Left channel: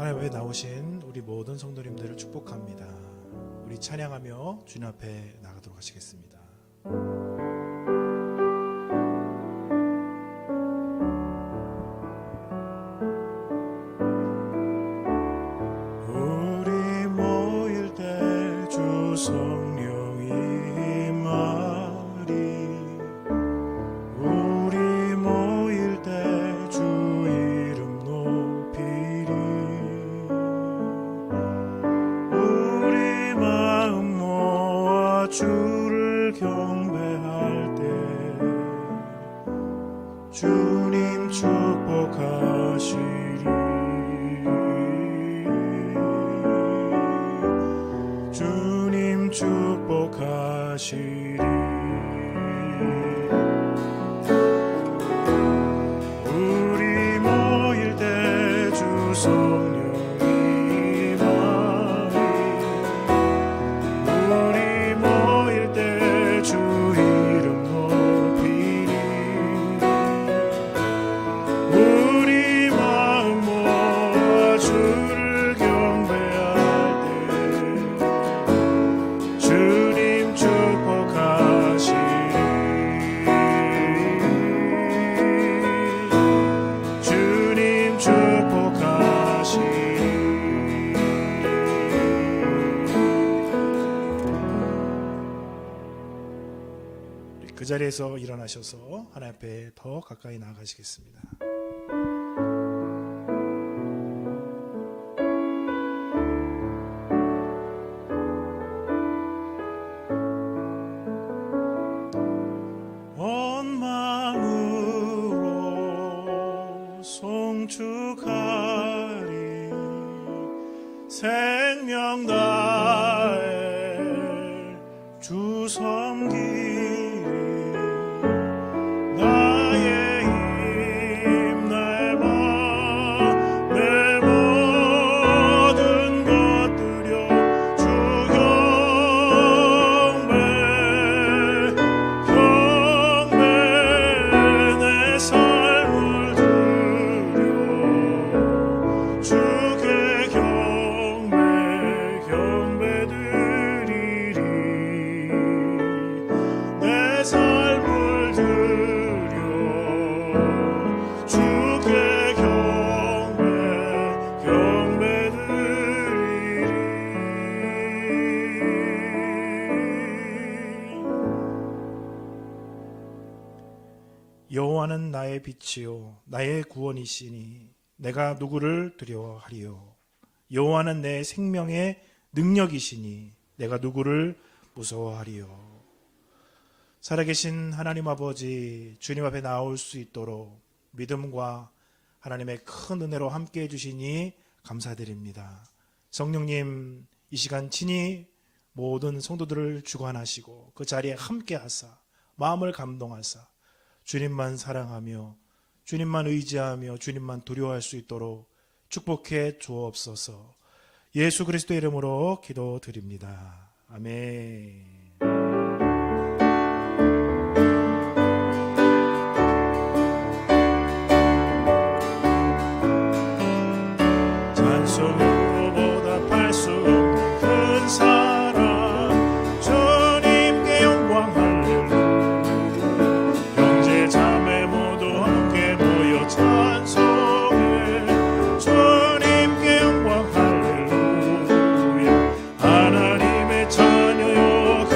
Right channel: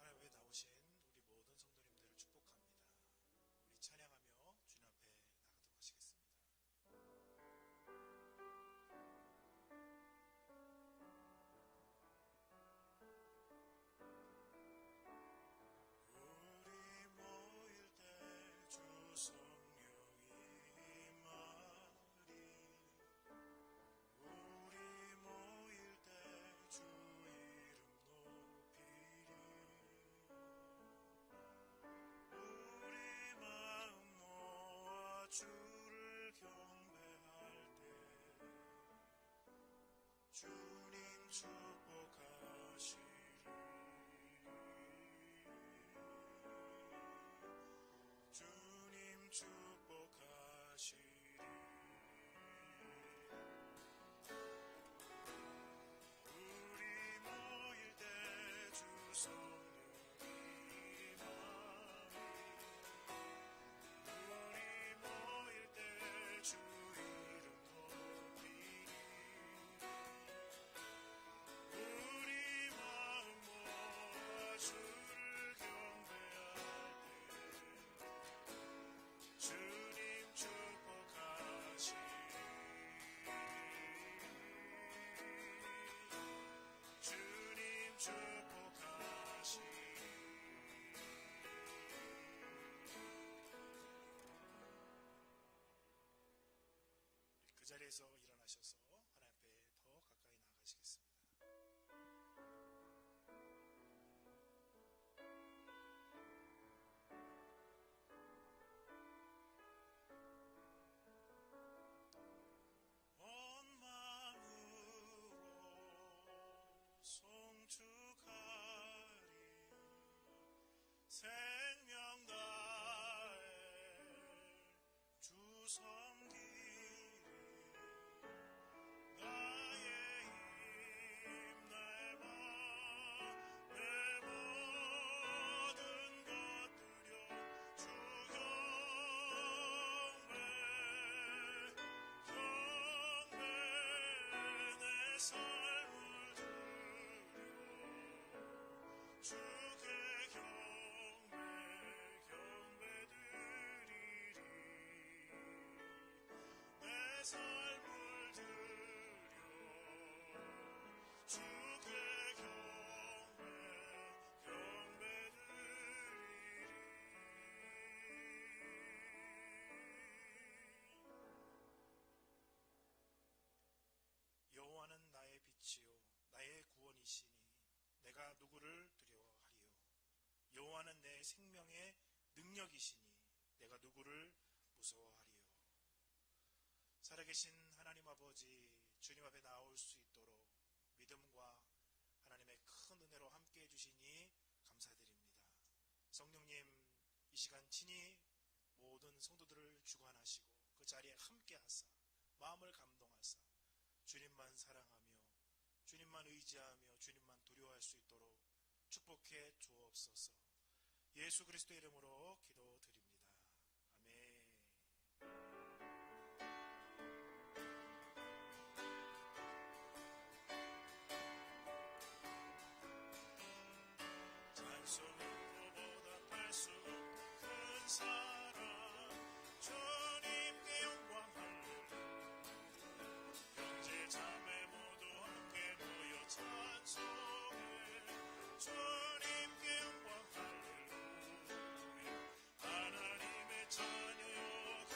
하나님 앞에 나오신 우리 모든 성도님들을 축복합니다. 우리 찬양하며 주님 앞에 나가도록 하시겠습니다. 우리 모일 때 주 성령이 임하리, 우리 모일 때 주 이름 높이리, 우리 마음 모아 주를 경배할 때 주님 축복하시리. 주님 축복하시리. 우리 모일 때 주 성령이 임하리, 우리 모일 때 주 이름 높이리, 우리 마음 모아 주를 경배할 때 주님 축복하시리. 주님 축복하시리. 그 자리에서 일어나셔서 하나님 앞에 더 가까이 나아가시겠습니다. 온 마음으로 송축하리, 생명 다해 주 섬기리. 나의 힘, 나의 맘, 내 모든 것 드려 주 경배, 경배, 내 삶을 드려 주께 경배, 경배 드리리. 내 삶을 드려 주께 경배, 경배 드리리. 여호와는 나의 빛이요 나의 구원이시니 내가 누구를 두려워하리요. 여호와는 내 생명의 능력이시니 내가 누구를 무서워하리요. 살아계신 하나님 아버지, 주님 앞에 나올 수 있도록 믿음과 하나님의 큰 은혜로 함께해 주시니 감사드립니다. 성령님, 이 시간 친히 모든 성도들을 주관하시고 그 자리에 함께하사 마음을 감동하사 주님만 사랑하며 주님만 의지하며 주님만 두려워할 수 있도록 축복해 주옵소서. 예수 그리스도의 이름으로 기도드립니다. 아멘. 찬송으로보다 팔 수 없는 큰 사랑, 주님께 영광 할렐루야. 형제 자매 모두 함께 모여 찬송해 주님께 영광 할렐루야. 하나님의 자녀여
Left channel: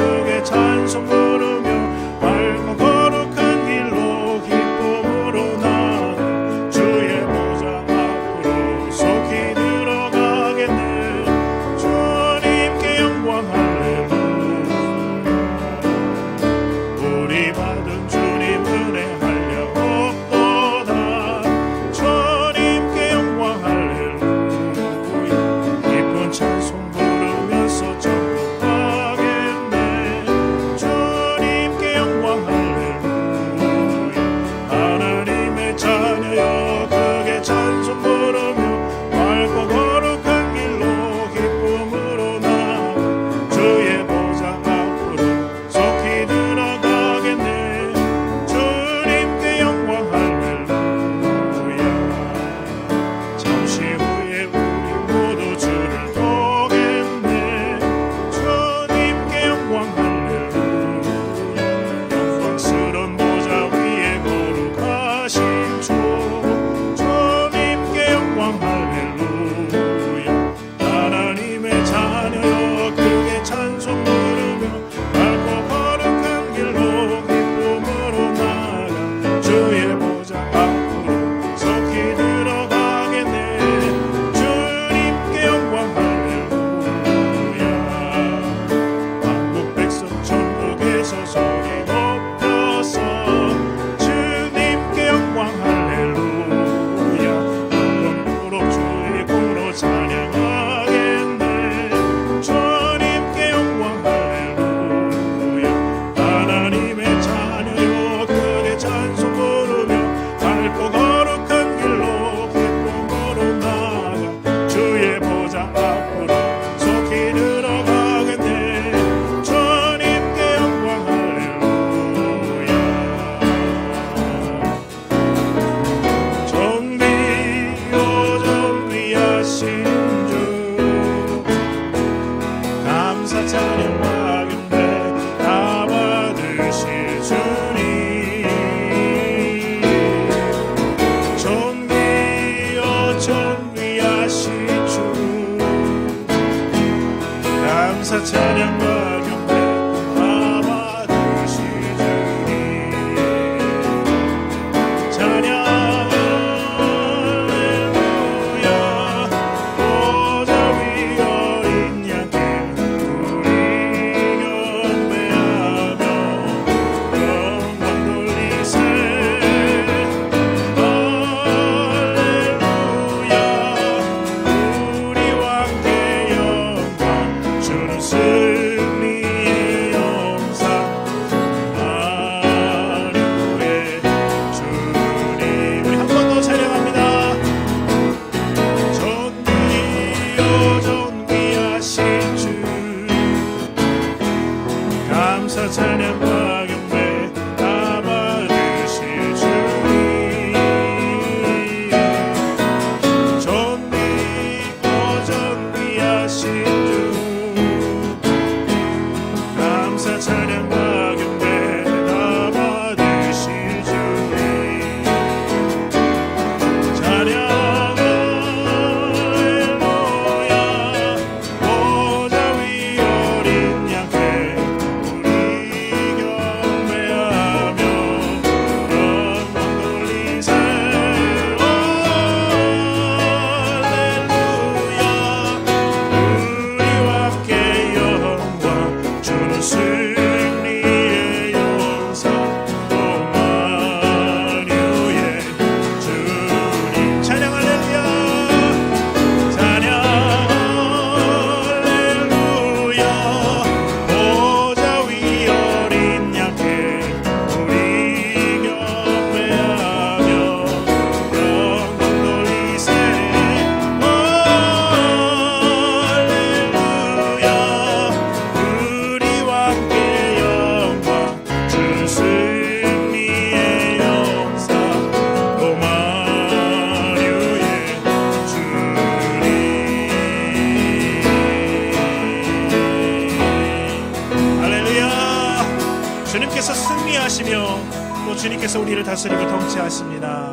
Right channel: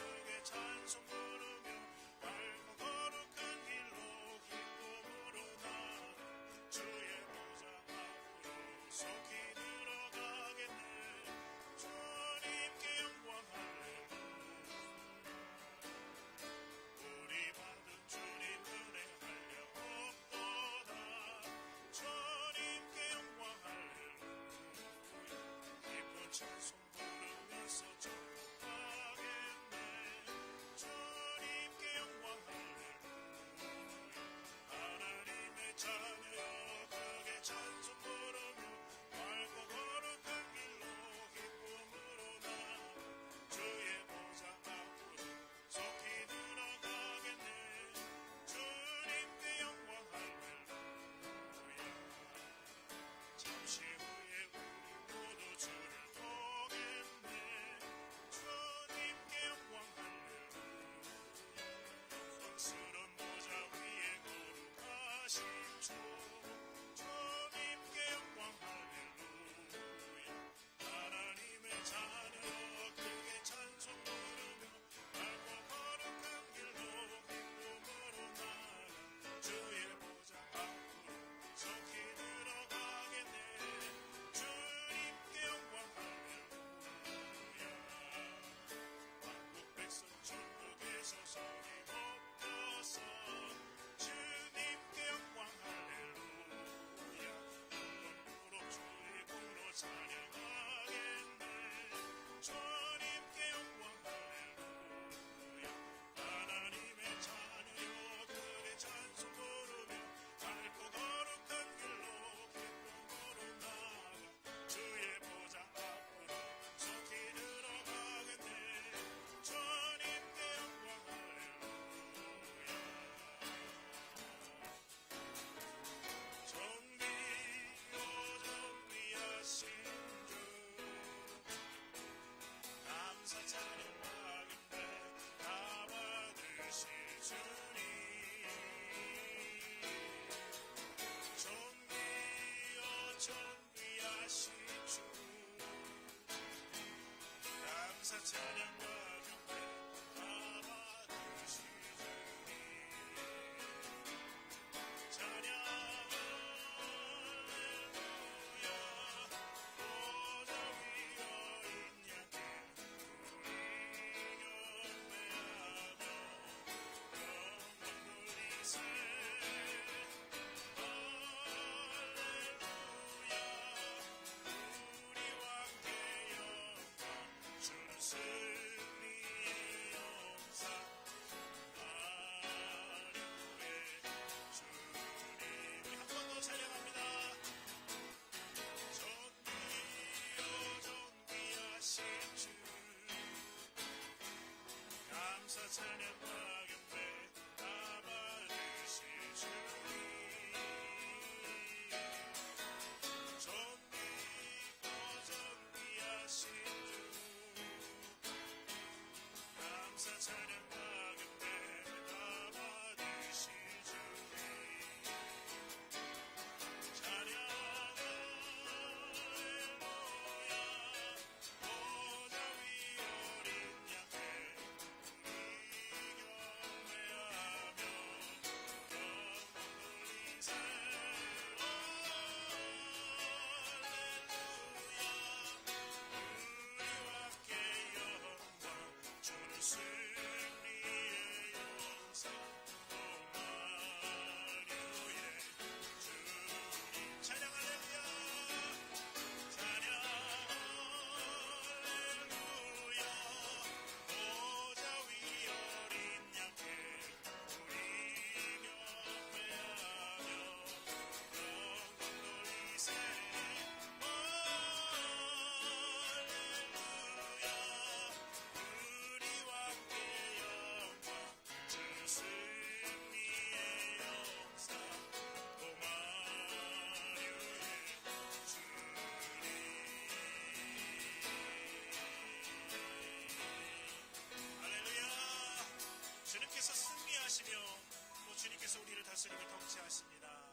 인도하시며 또 주님께서 우리를 다스리고 통치하십니다.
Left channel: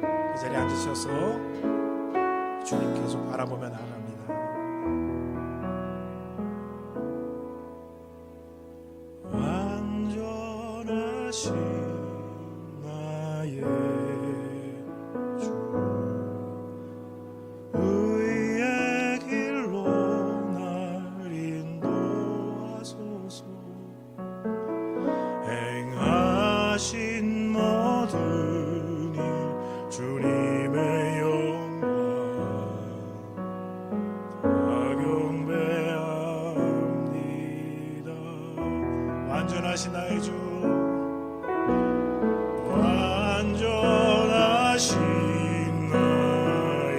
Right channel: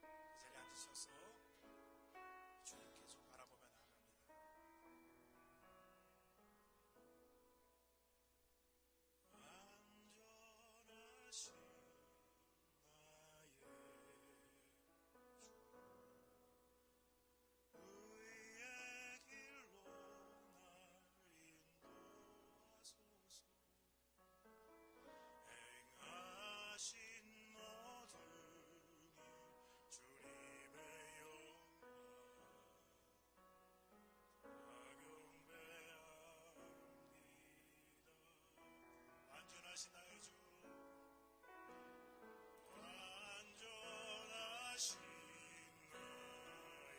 그 자리에 앉으셔서 주님 계속 바라보며 나아갑니다. 완전하신 나의 주, 의의 길로 날 인도하소서. 행하신 모든 일 주님의 영광 다 경배합니다. 완전하신 나의 주, 완전하신 나의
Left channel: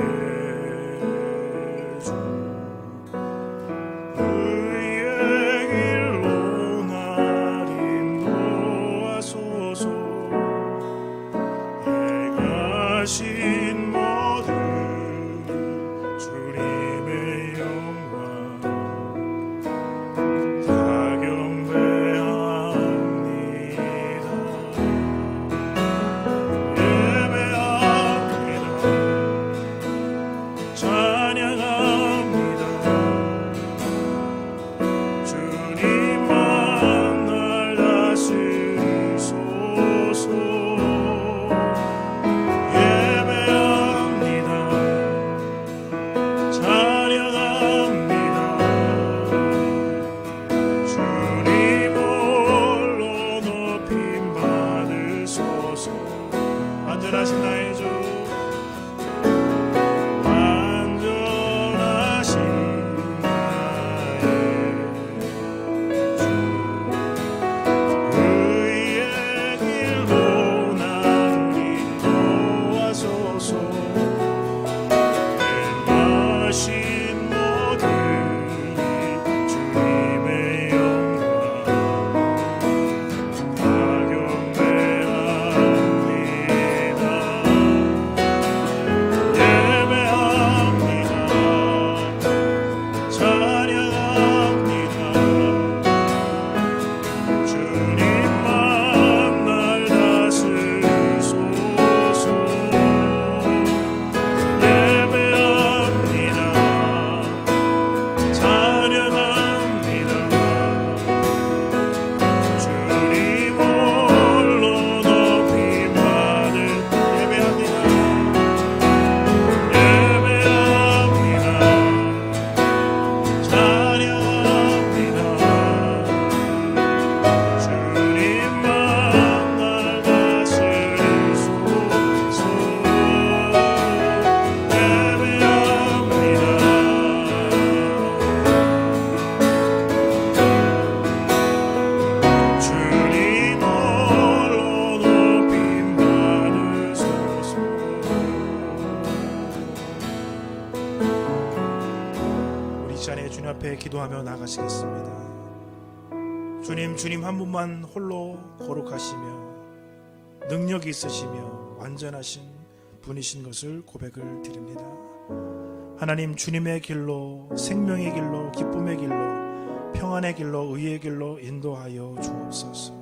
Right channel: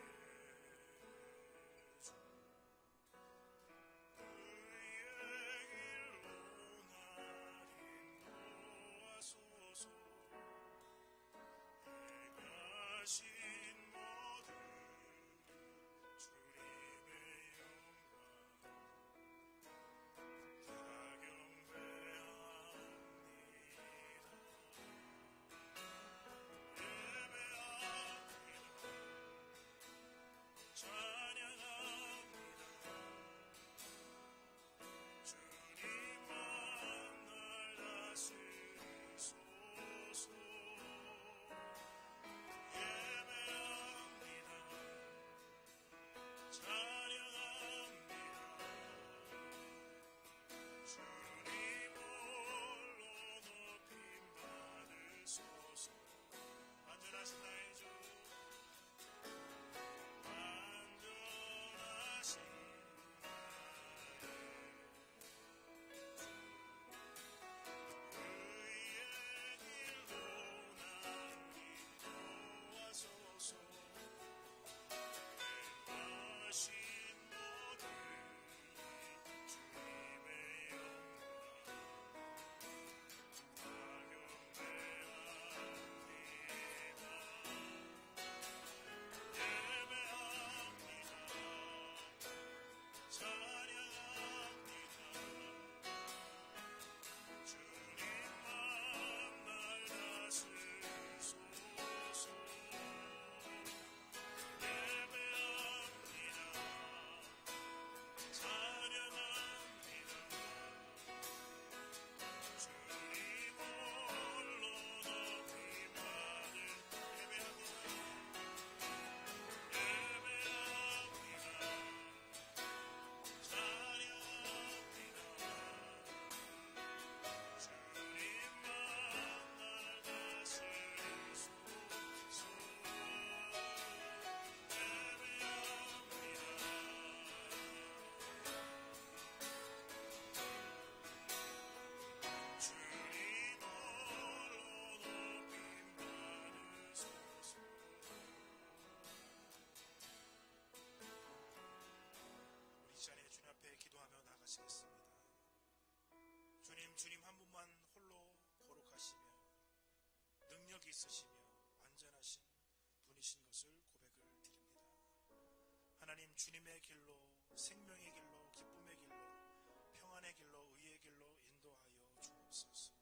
주, 의의 길로 날 인도하소서. 행하신 모든 주님의 영광 다 경배합니다. 예배합니다. 찬양합니다. 주님만 날 다스리소서. 예배합니다. 찬양합니다. 주님 홀로 높임 받으소서. 완전하신 나의 주, 완전하신 나의 주, 의의 길로 날 인도하소서. 행하신 모든 주님의 영광 다 경배합니다. 예배합니다. 찬양합니다. 주님만 날 다스리소서. 예배합니다. 찬양합니다. 주님 홀로 높임 받을 예배합니다. 예배합니다. 찬양합니다. 주님만 날 다스리소서. 주님 홀로 높임 받으소서. 우리 이 자리에 주님 앞에 기도하며 나가시겠습니다. 주님 한 분만 홀로 거룩하시며 능력이 있으시며 완전하신 분이신 것을 고백을 드립니다. 하나님, 주님의 길로, 생명의 길로, 기쁨의 길로, 평안의 길로, 의의 길로 인도하여 주옵소서.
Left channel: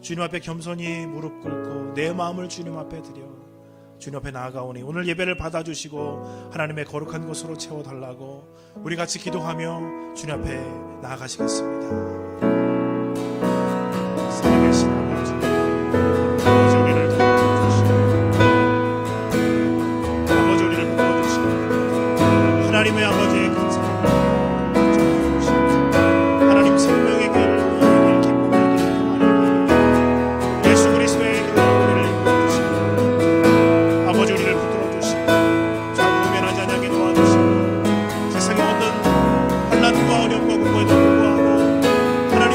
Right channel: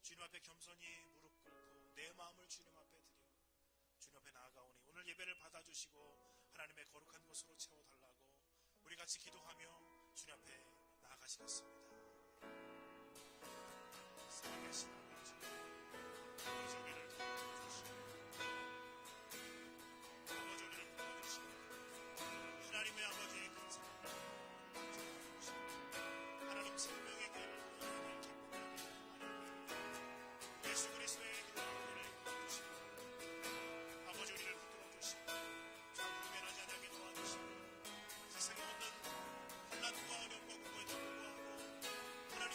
주님 앞에 겸손히 무릎 꿇고 내 마음을 주님 앞에 드려 주님 앞에 나아가오니 오늘 예배를 받아주시고 하나님의 거룩한 것으로 채워달라고 우리 같이 기도하며 주님 앞에 나아가시겠습니다. 살아계신 아버지, 아버지 우리를 도와주시고 아버지 우리를 도와주시고 하나님의 아버지의 큰 사랑 주시고 하나님 생명의 길, 의의 길, 기쁨의 길, 평안의 길, 예수 그리스도의 길로 우리를 이끌어주시고 아버지 우리를 붙들어주시고 좌우면한 자녀에게 도와주시고 세상의 모든 환난과 어려움과 공고에도 불구하고 하나님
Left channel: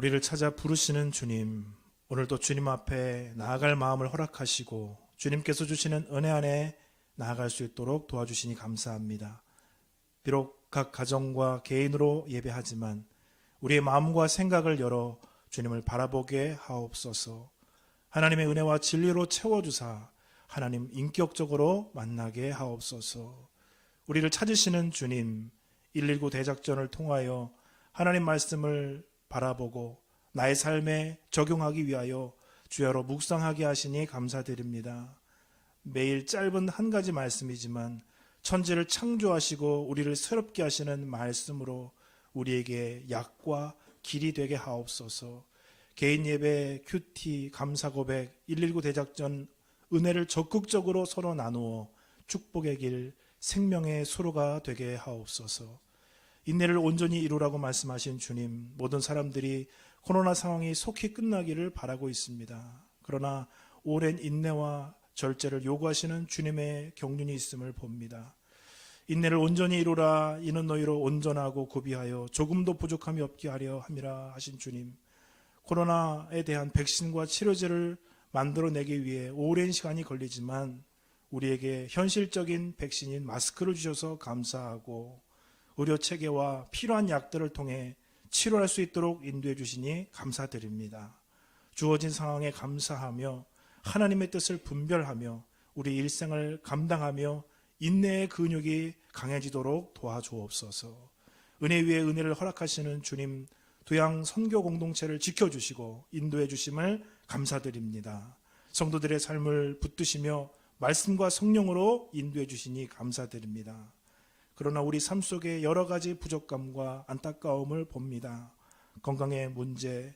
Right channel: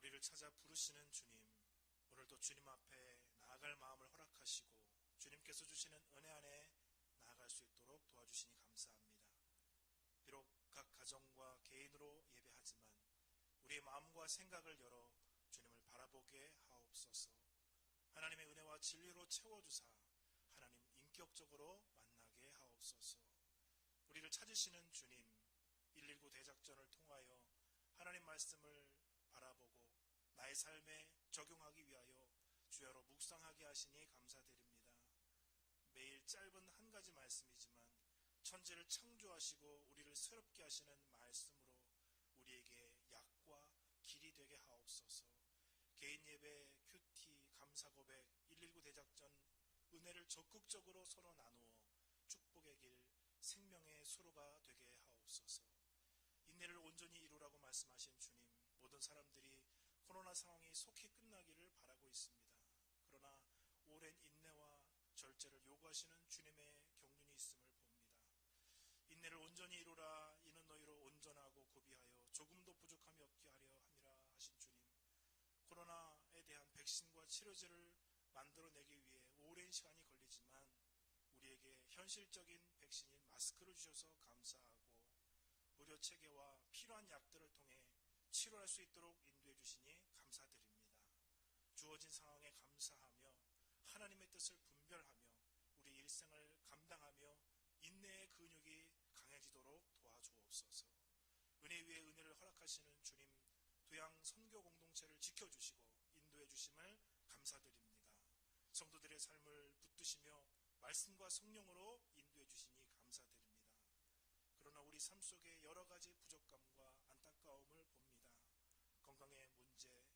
우리를 찾아 부르시는 주님, 오늘도 주님 앞에 나아갈 마음을 허락하시고 주님께서 주시는 은혜 안에 나아갈 수 있도록 도와주시니 감사합니다. 비록 각 가정과 개인으로 예배하지만 우리의 마음과 생각을 열어 주님을 바라보게 하옵소서. 하나님의 은혜와 진리로 채워주사 하나님 인격적으로 만나게 하옵소서. 우리를 찾으시는 주님, 119 대작전을 통하여 하나님 말씀을 바라보고 나의 삶에 적용하기 위하여 주야로 묵상하게 하시니 감사드립니다. 매일 짧은 한 가지 말씀이지만 천지를 창조하시고 우리를 새롭게 하시는 말씀으로 우리에게 약과 길이 되게 하옵소서. 개인 예배, 큐티, 감사 고백, 119 대작전 은혜를 적극적으로 서로 나누어 축복의 길, 생명의 수로가 되게 하옵소서. 인내를 온전히 이루라고 말씀하신 주님, 모든 사람들이 코로나 상황이 속히 끝나기를 바라고 있습니다. 그러나 오랜 인내와 절제를 요구하시는 주님의 경륜이 있음을 봅니다. 인내를 온전히 이루라. 이는 너희로 온전하고 구비하여 조금도 부족함이 없게 하려 함이라 하신 주님, 코로나에 대한 백신과 치료제를 만들어내기 위해 오랜 시간이 걸리지만 우리에게 현실적인 백신인 마스크를 주셔서 감사하고 의료 체계와 필요한 약들을 통해 치료할 수 있도록 인도해 주시니 감사드립니다. 주어진 상황에 감사하며 하나님의 뜻을 분별하며 우리 일생을 감당하며 인내의 근육이 강해지도록 도와주옵소서. 은혜 위에 은혜를 허락하시는 주님, 도양 선교 공동체를 지켜주시고 인도해 주심을 감사드립니다. 성도들의 삶을 붙드시며 말씀과 성령으로 인도해 주시니 감사드립니다. 그러나 우리 삶 속에 여러 가지 부족감과 안타까움을 봅니다. 건강의 문제,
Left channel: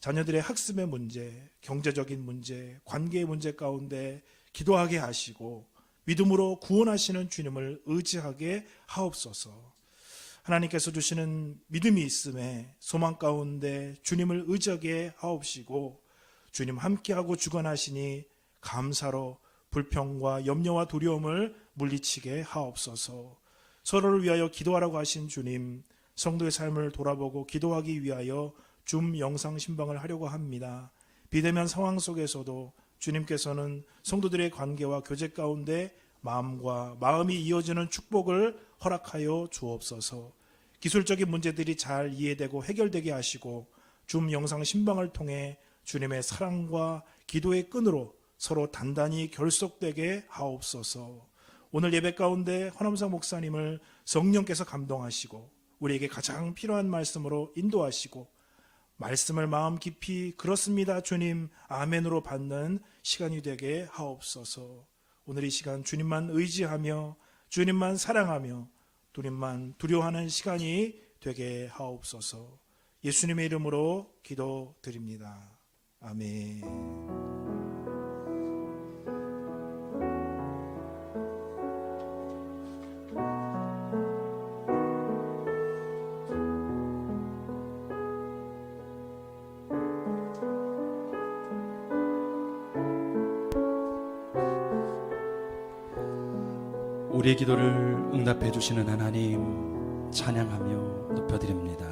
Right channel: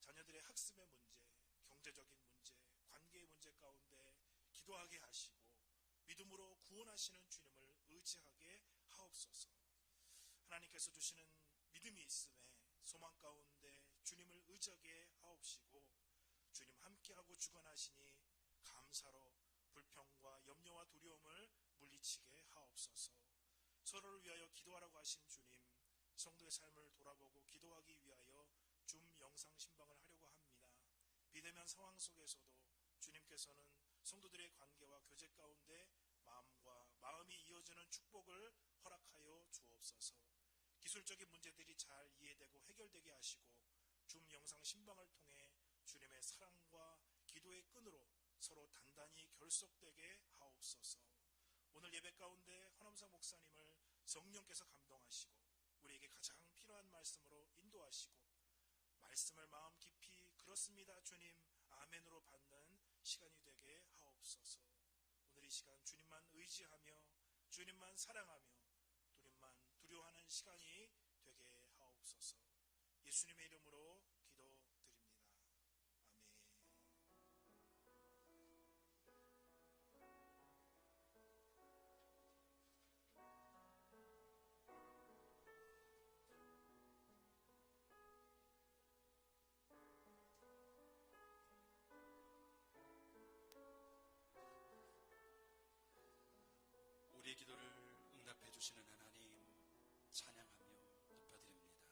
자녀들의 학습의 문제, 경제적인 문제, 관계의 문제 가운데 기도하게 하시고 믿음으로 구원하시는 주님을 의지하게 하옵소서. 하나님께서 주시는 믿음이 있음에 소망 가운데 주님을 의지하게 하옵시고 주님 함께하고 주관하시니 감사로 불평과 염려와 두려움을 물리치게 하옵소서. 서로를 위하여 기도하라고 하신 주님, 성도의 삶을 돌아보고 기도하기 위하여 줌 영상 신방을 하려고 합니다. 비대면 상황 속에서도 주님께서는 성도들의 관계와 교제 가운데 마음과 마음이 이어지는 축복을 허락하여 주옵소서. 기술적인 문제들이 잘 이해되고 해결되게 하시고 줌 영상 신방을 통해 주님의 사랑과 기도의 끈으로 서로 단단히 결속되게 하옵소서. 오늘 예배 가운데 허남상 목사님을 성령께서 감동하시고 우리에게 가장 필요한 말씀으로 인도하시고 말씀을 마음 깊이 그렇습니다 주님 아멘으로 받는 시간이 되게 하옵소서. 오늘 이 시간 주님만 의지하며 주님만 사랑하며 주님만 두려워하는 시간이 되게 하옵소서. 예수님의 이름으로 기도드립니다. 아멘. 우리의 기도를 응답해 주시는 하나님 찬양하며 높여드립니다.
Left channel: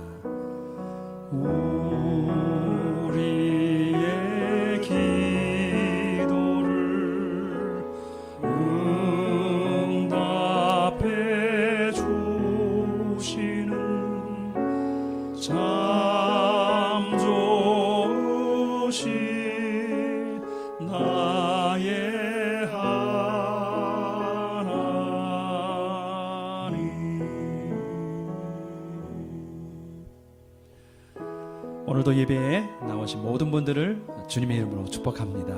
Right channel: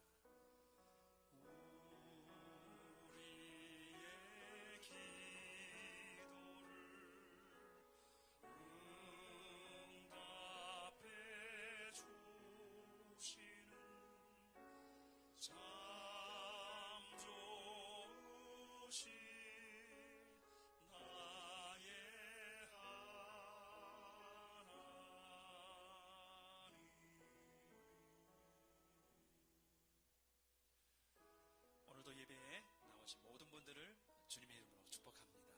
우리의 기도를 응답해 주시는 참 좋으신 나의 오늘도 예배에 나오신 모든 분들을 주님의 이름으로 축복합니다.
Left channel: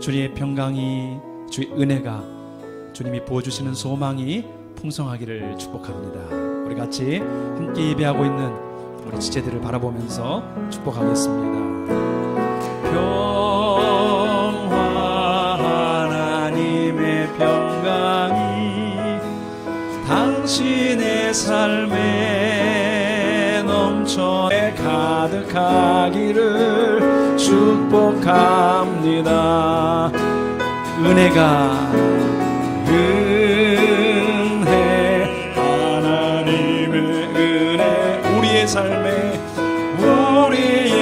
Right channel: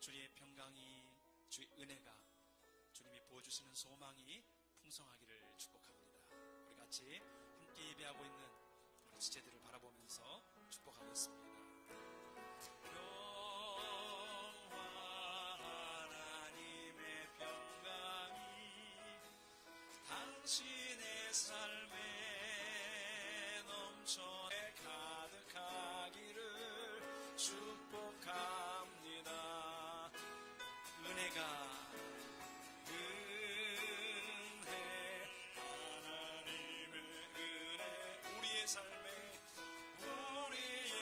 주님의 평강이, 주의 은혜가, 주님이 부어주시는 소망이 풍성하기를 축복합니다. 우리 같이 함께 예배하고 있는 우리 지체들을 바라보면서 축복하겠습니다. 평화 하나님의 평강이 당신의 삶에 넘쳐 가득하기를 축복합니다. 은혜가 은혜 하나님의 은혜 우리의 삶에 우리의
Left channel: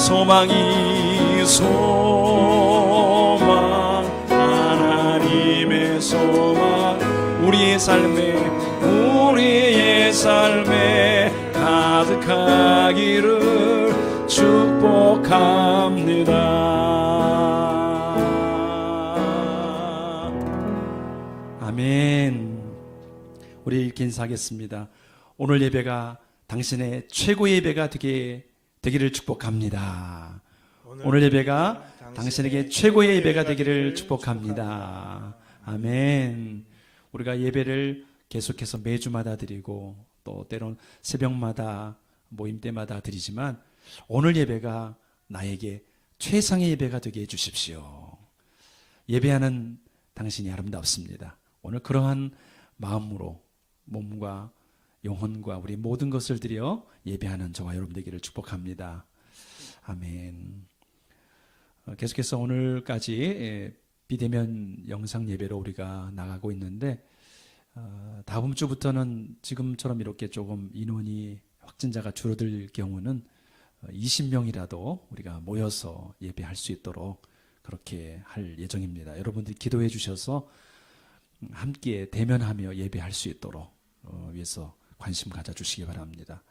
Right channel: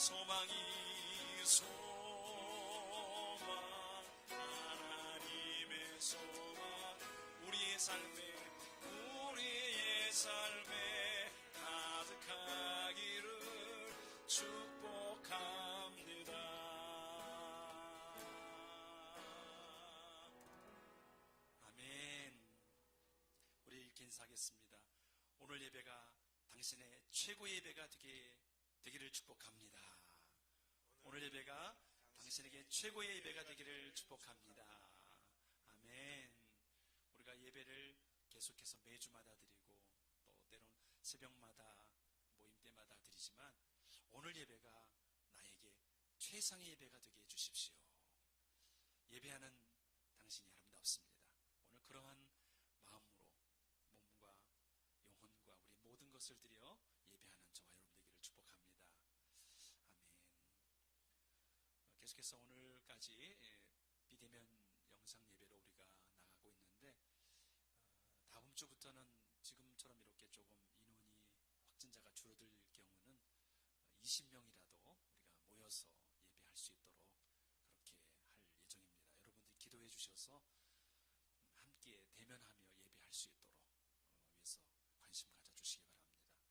소망이 소망 하나님의 소망 우리의 삶에 가득하기를 축복합니다. 아멘. 우리 이렇게 인사하겠습니다. 오늘 예배가 당신의 최고의 예배가 되기를 축복합니다. 오늘 예배가 당신에게 최고의 예배가 되기를 축복합니다. 아멘. 우리가 예배를 계속해서 매주마다 드리고 또 때론 새벽마다 모임 때마다 드리지만 오늘 예배가 나에게 최상의 예배가 되게 해주십시오. 예배하는 당신이 아름답습니다. 오늘 그러한 마음으로 몸과 영혼과 우리 모든 것을 드려 예배하는 저와 여러분 되기를 축복합니다. 아멘. 계속해서 오늘까지 비대면 영상 예배로 우리가 나가고 있는데 다음 주부터는 지금처럼 이렇게 조금 인원이 확진자가 줄어들 경우는 20명이라도 우리가 모여서 예배할 수 있도록 그렇게 할 예정입니다. 여러분들이 기도해 주셔서 함께 대면하며 예배할 수 있도록 위해서 관심 가져주시기 바랍니다.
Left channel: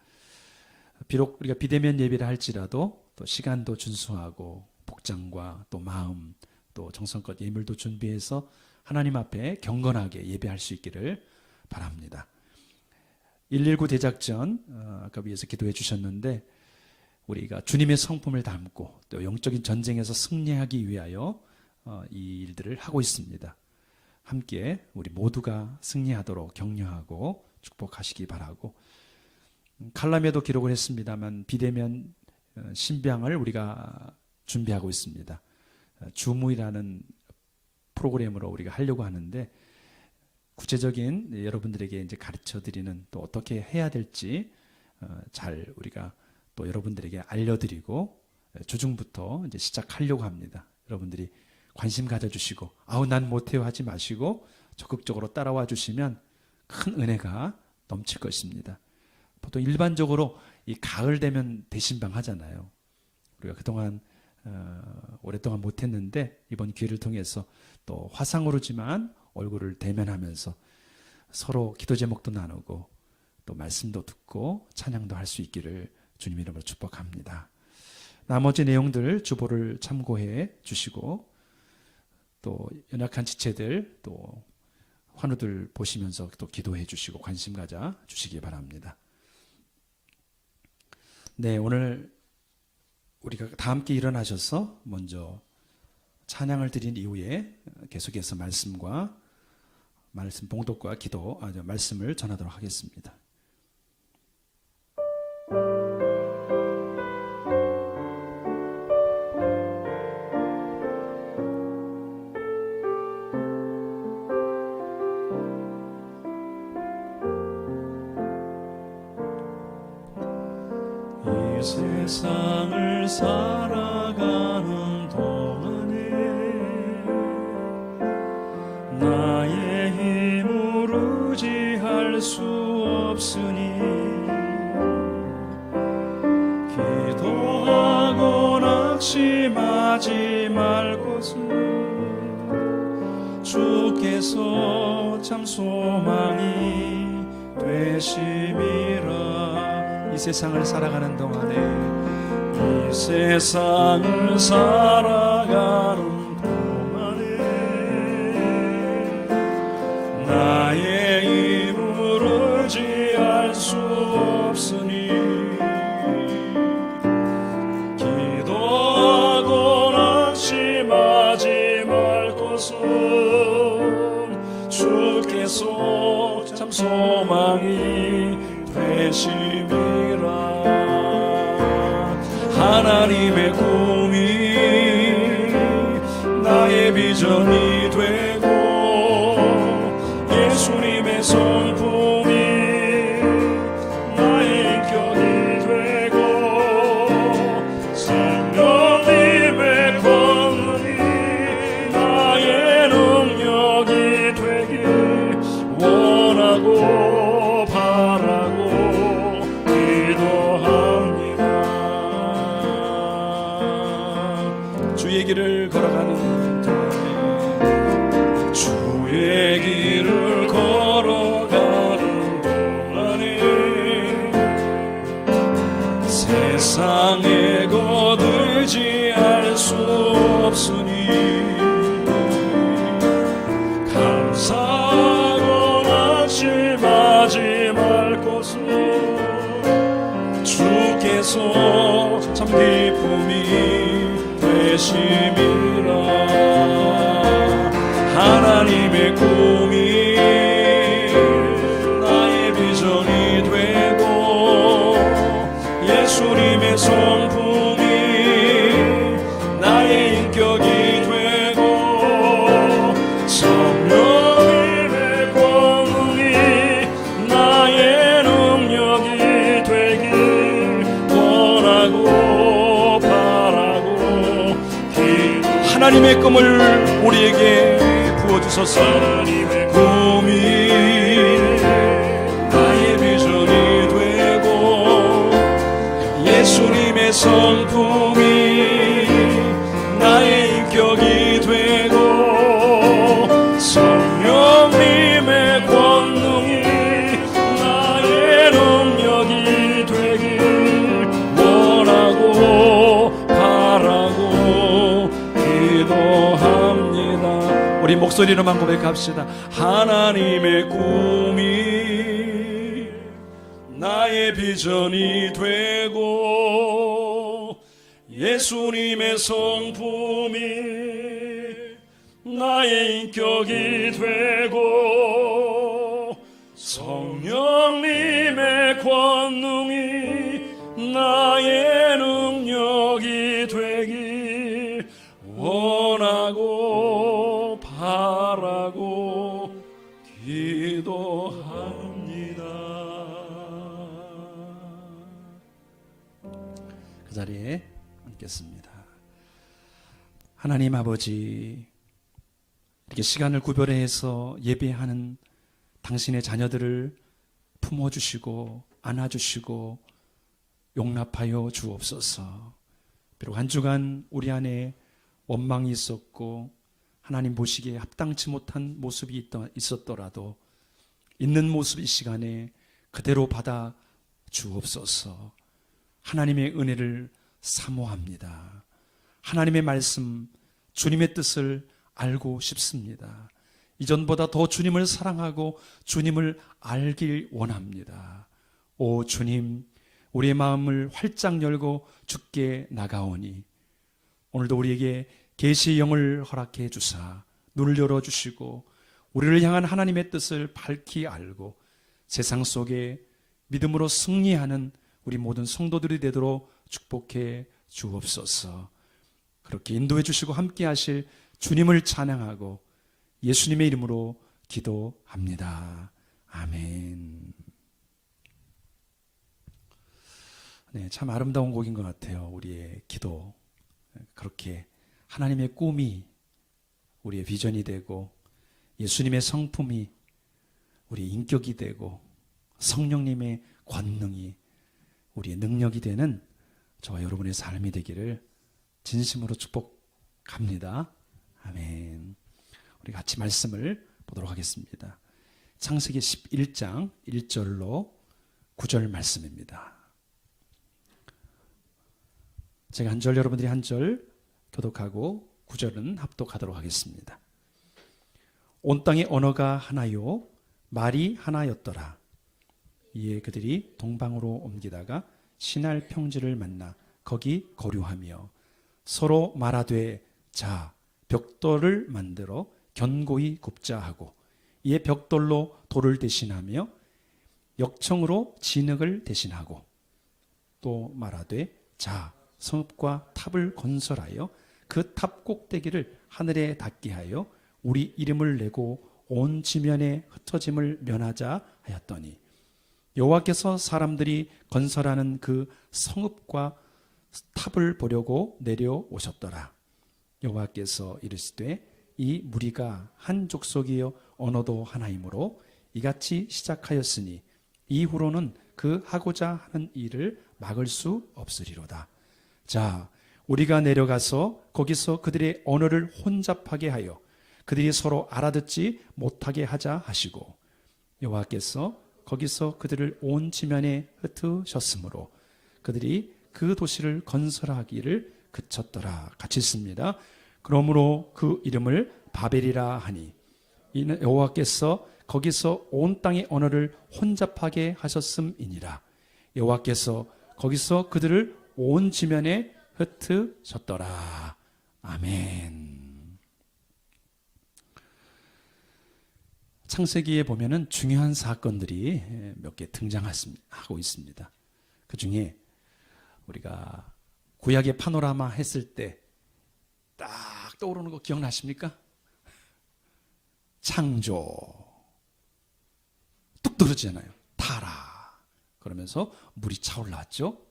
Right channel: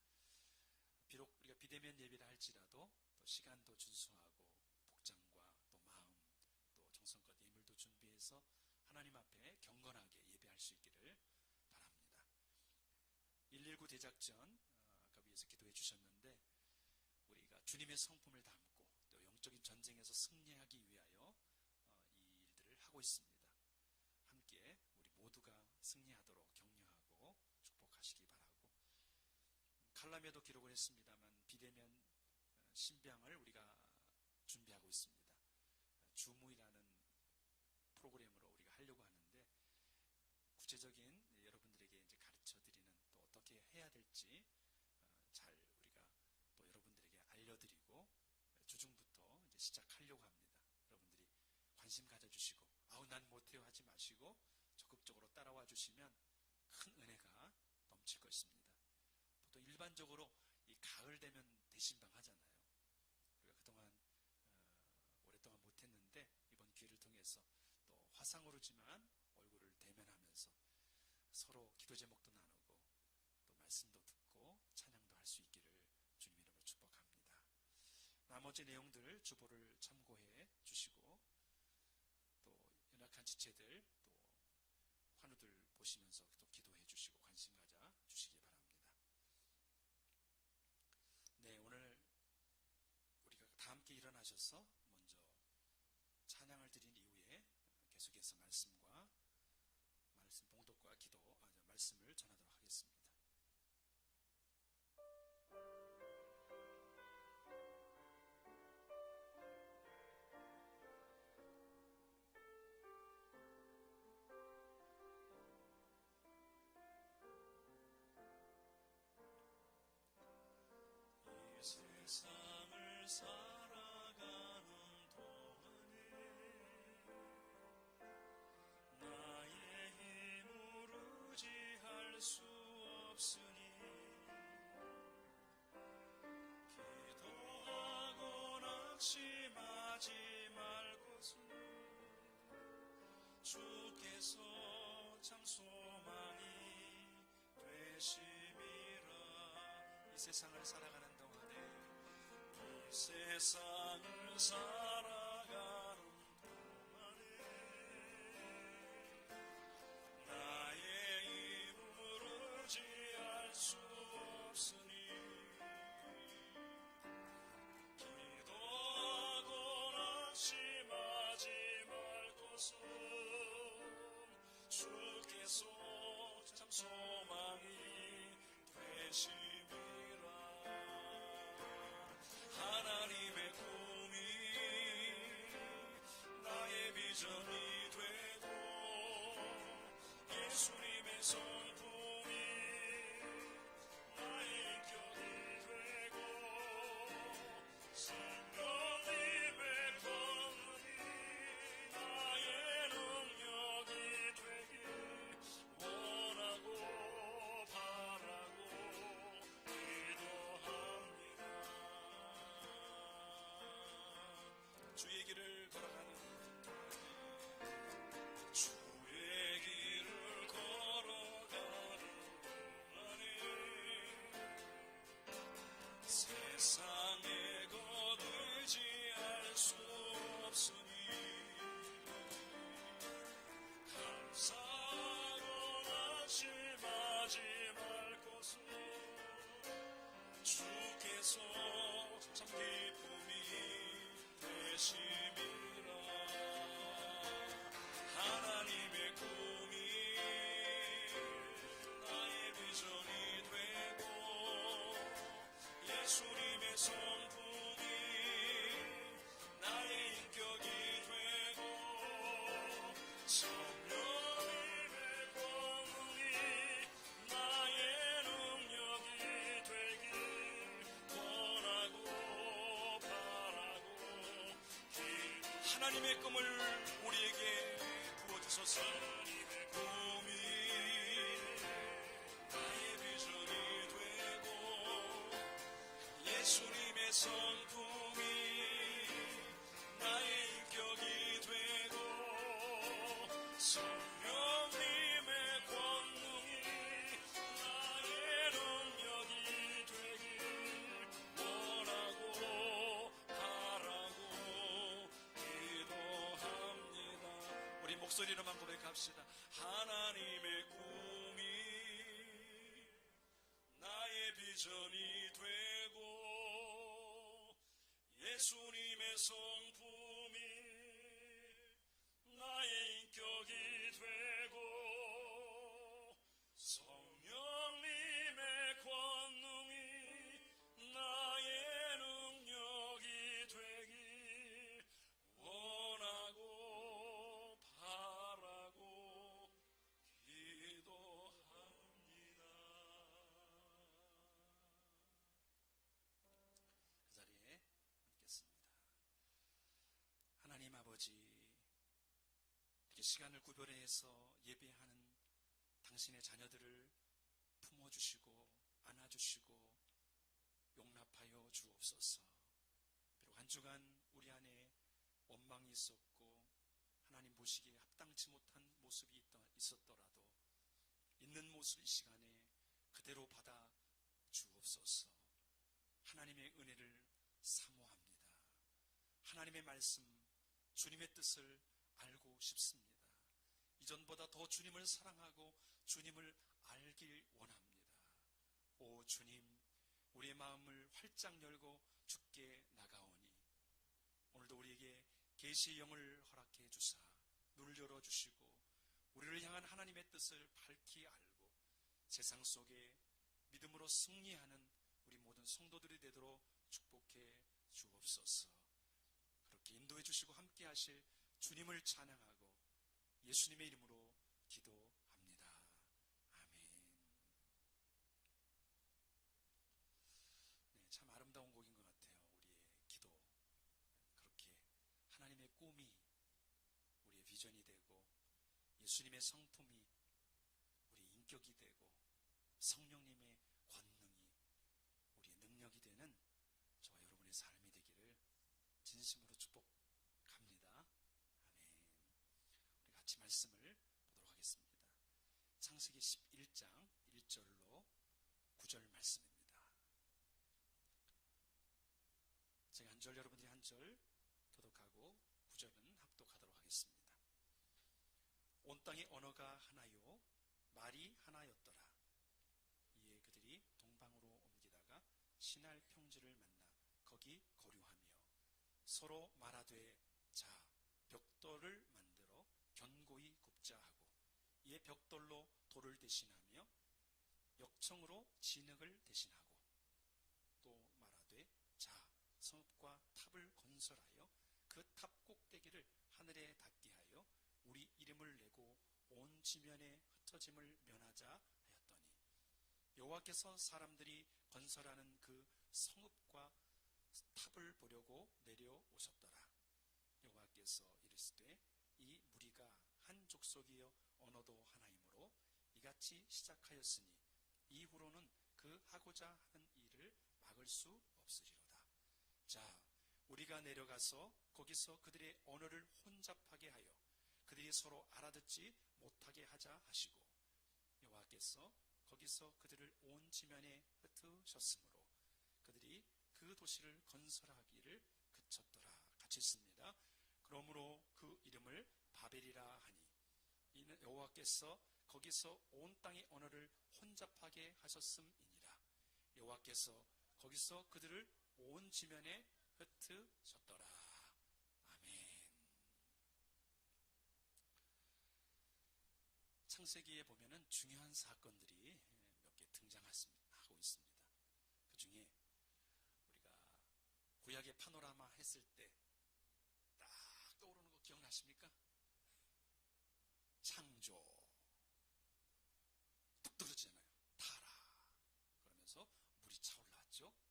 비록 우리가 비대면 예배를 할지라도 또 시간도 준수하고 복장과 또 마음 또 정성껏 예물도 준비해서 하나님 앞에 경건하게 예배할 수 있기를 바랍니다. 119 대작전 아까 위에서 기도해 주셨는데 우리가 주님의 성품을 담고 또 영적인 전쟁에서 승리하기 위하여 이 일들을 하고 있습니다. 함께 우리 모두가 승리하도록 격려하고 축복하시기 바라고 칼럼에도 기록을 했습니다만 비대면 신방을 우리가 준비하고 있습니다. 주무이라는 프로그램으로 우리가 하려고 하는데 구체적인 여러분들에게 이제 가르쳐 드리는 또 어떻게 해야 될지 잘 우리가 또 여러분들에게 알려드리고 주중부터 이제 시작하려고 합니다. 여러분들이 관심 가져주시고 아우 난 못해요 하지 마시고 적극적으로 따라와 주시면 큰 은혜가 넘칠 것입니다. 보통 일반적으로 이 가을 되면 대신방 하잖아요. 우리가 그동안 오랫동안 못했는데 이번 기회를 통해서 또 화상으로지만 얼굴을 대면하면서 서로 기도 제목도 나누고 또 말씀도 듣고 찬양도 할 수 있기를 주님 이름으로 축복합니다. 나머지 내용들 주보를 참고해 주시고 또 연약한 지체들 또 환우들 보시면서 또 기도해 주시고 관심 가져 주시기 바랍니다. 네, 오늘 우리가 다 함께 일어나셔서 먼저 찬양을 드린 이후에 계속해서 말씀 봉독과 기도, 말씀을 전하도록 하겠습니다. 이 세상을 살아가는 동안에 나의 힘으로 의지할 수 없으니 기도하고 낙심하지 말 것을 주께서 참 소망이 되심이라. 이 세상을 살아가는 동안에 이 세상을 살아가는 동안에 나의 힘을 의지할 수 없으니 기도하고 낙심하지 말 것은 주께서 참 소망이 되심이라. 하나님의 꿈이 나의 비전이 되고 예수님의 성품이 나의 인격이 되고 성령님의 권능이 나의 능력이 되길 원하고 바라고 기도합니다. 주의 길을 걸어가는데 주의 길을 걸어가는 동안에 세상에 거들지 알 수 없으니 감사하고 낙심하지 말 것을 주께서 참 기쁨이 되심이라. 하나님의 꿈이 나의 비전이 되고 예수님의 성품이 나의 인격이 되고 성령님의 권능이 나의 능력이 되길 원하고 바라고 하나님의 꿈을 우리에게 부어주소서. 하나님의 꿈이 나의 비전이 되고 예수님의 성품이 나의 인격이 되고 성령님의 권능이 나의 능력이 되길 원하고 바라고 기도합니다. 우리 목소리로만 고백합시다. 하나님의 꿈이 나의 비전이 되고 예수님의 성품이 나의 인격이 되고 성령님의 권능이 나의 능력이 되길 원하고 바라고 기도합니다. 그 자리에 앉겠습니다. 하나님 아버지, 이렇게 시간을 구별해서 예배하는 당신의 자녀들을 품어주시고 안아주시고 용납하여 주옵소서. 비록 한 주간 우리 안에 원망이 있었고 하나님 보시기에 합당치 못한 모습이 있었더라도 있는 모습 이 시간에 그대로 받아 주옵소서. 하나님의 은혜를 사모합니다. 하나님의 말씀, 주님의 뜻을 알고 싶습니다. 이전보다 더 주님을 사랑하고 주님을 알길 원합니다. 오 주님, 우리의 마음을 활짝 열고 주께 나가오니 오늘도 우리에게 계시의 영을 허락해 주사 눈을 열어주시고 우리를 향한 하나님의 뜻을 밝히 알고 세상 속에 믿음으로 승리하는 우리 모든 성도들이 되도록 축복해 주옵소서. 그렇게 인도해 주시고 함께 하실 주님을 찬양하고 예수님의 이름으로 기도합니다. 아멘. 네, 참 아름다운 곡인 것 같아요. 우리의 기도. 그렇게 하나님의 꿈이 우리의 비전이 되고 예수님의 성품이 우리의 인격이 되고 성령님의 권능이 우리의 능력이 되는 저와 여러분의 삶이 되기를 진심으로 축복합니다. 아멘. 우리 같이 말씀을 보도록 하겠습니다. 창세기 11장 1절로 9절 말씀입니다. 제가 한 절, 여러분들이 한 절 교독하고 9절은 합독하도록 하겠습니다. 온 땅의 언어가 하나요 말이 하나였더라. 이에 그들이 동방으로 옮기다가 시날 평지를 만나 거기 거류하며 서로 말하되 자 벽돌을 만들어 견고히 굽자 하고 이에 벽돌로 돌을 대신하며 역청으로 진흙을 대신하고 또 말하되 자 성읍과 탑을 건설하여 그 탑 꼭대기를 하늘에 닿게 하여 우리 이름을 내고 온 지면에 흩어짐을 면하자 하였더니 여호와께서 사람들이 건설하는 그 성읍과 탑을 보려고 내려오셨더라. 여호와께서 이르시되 이 무리가 한 족속이요 언어도 하나이므로 이같이 시작하였으니 이후로는 그 하고자 하는 일을 막을 수 없으리로다. 자 우리가 내려가서 거기서 그들의 언어를 혼잡하게 하여 그들이 서로 알아듣지 못하게 하자 하시고 여호와께서 거기서 그들을 온 지면에 흩으셨으므로 그들이 그 도시를 건설하기를 그쳤더라. 같이 있습니다. 그러므로 그 이름을 바벨이라 하니 이는 여호와께서 거기서 온 땅의 언어를 혼잡하게 하셨음이니라. 여호와께서 거기서 그들을 온 지면에 흩으셨더라. 아멘. 창세기에 보면은 중요한 사건들이 몇 개 등장하고 있습니다. 그 중에 우리가 구약의 파노라마 했을 때 딱 떠오르는 거 기억나십니까? 창조. 뚝 떨어지잖아요. 타라. 그러면서 물이 차올라왔죠.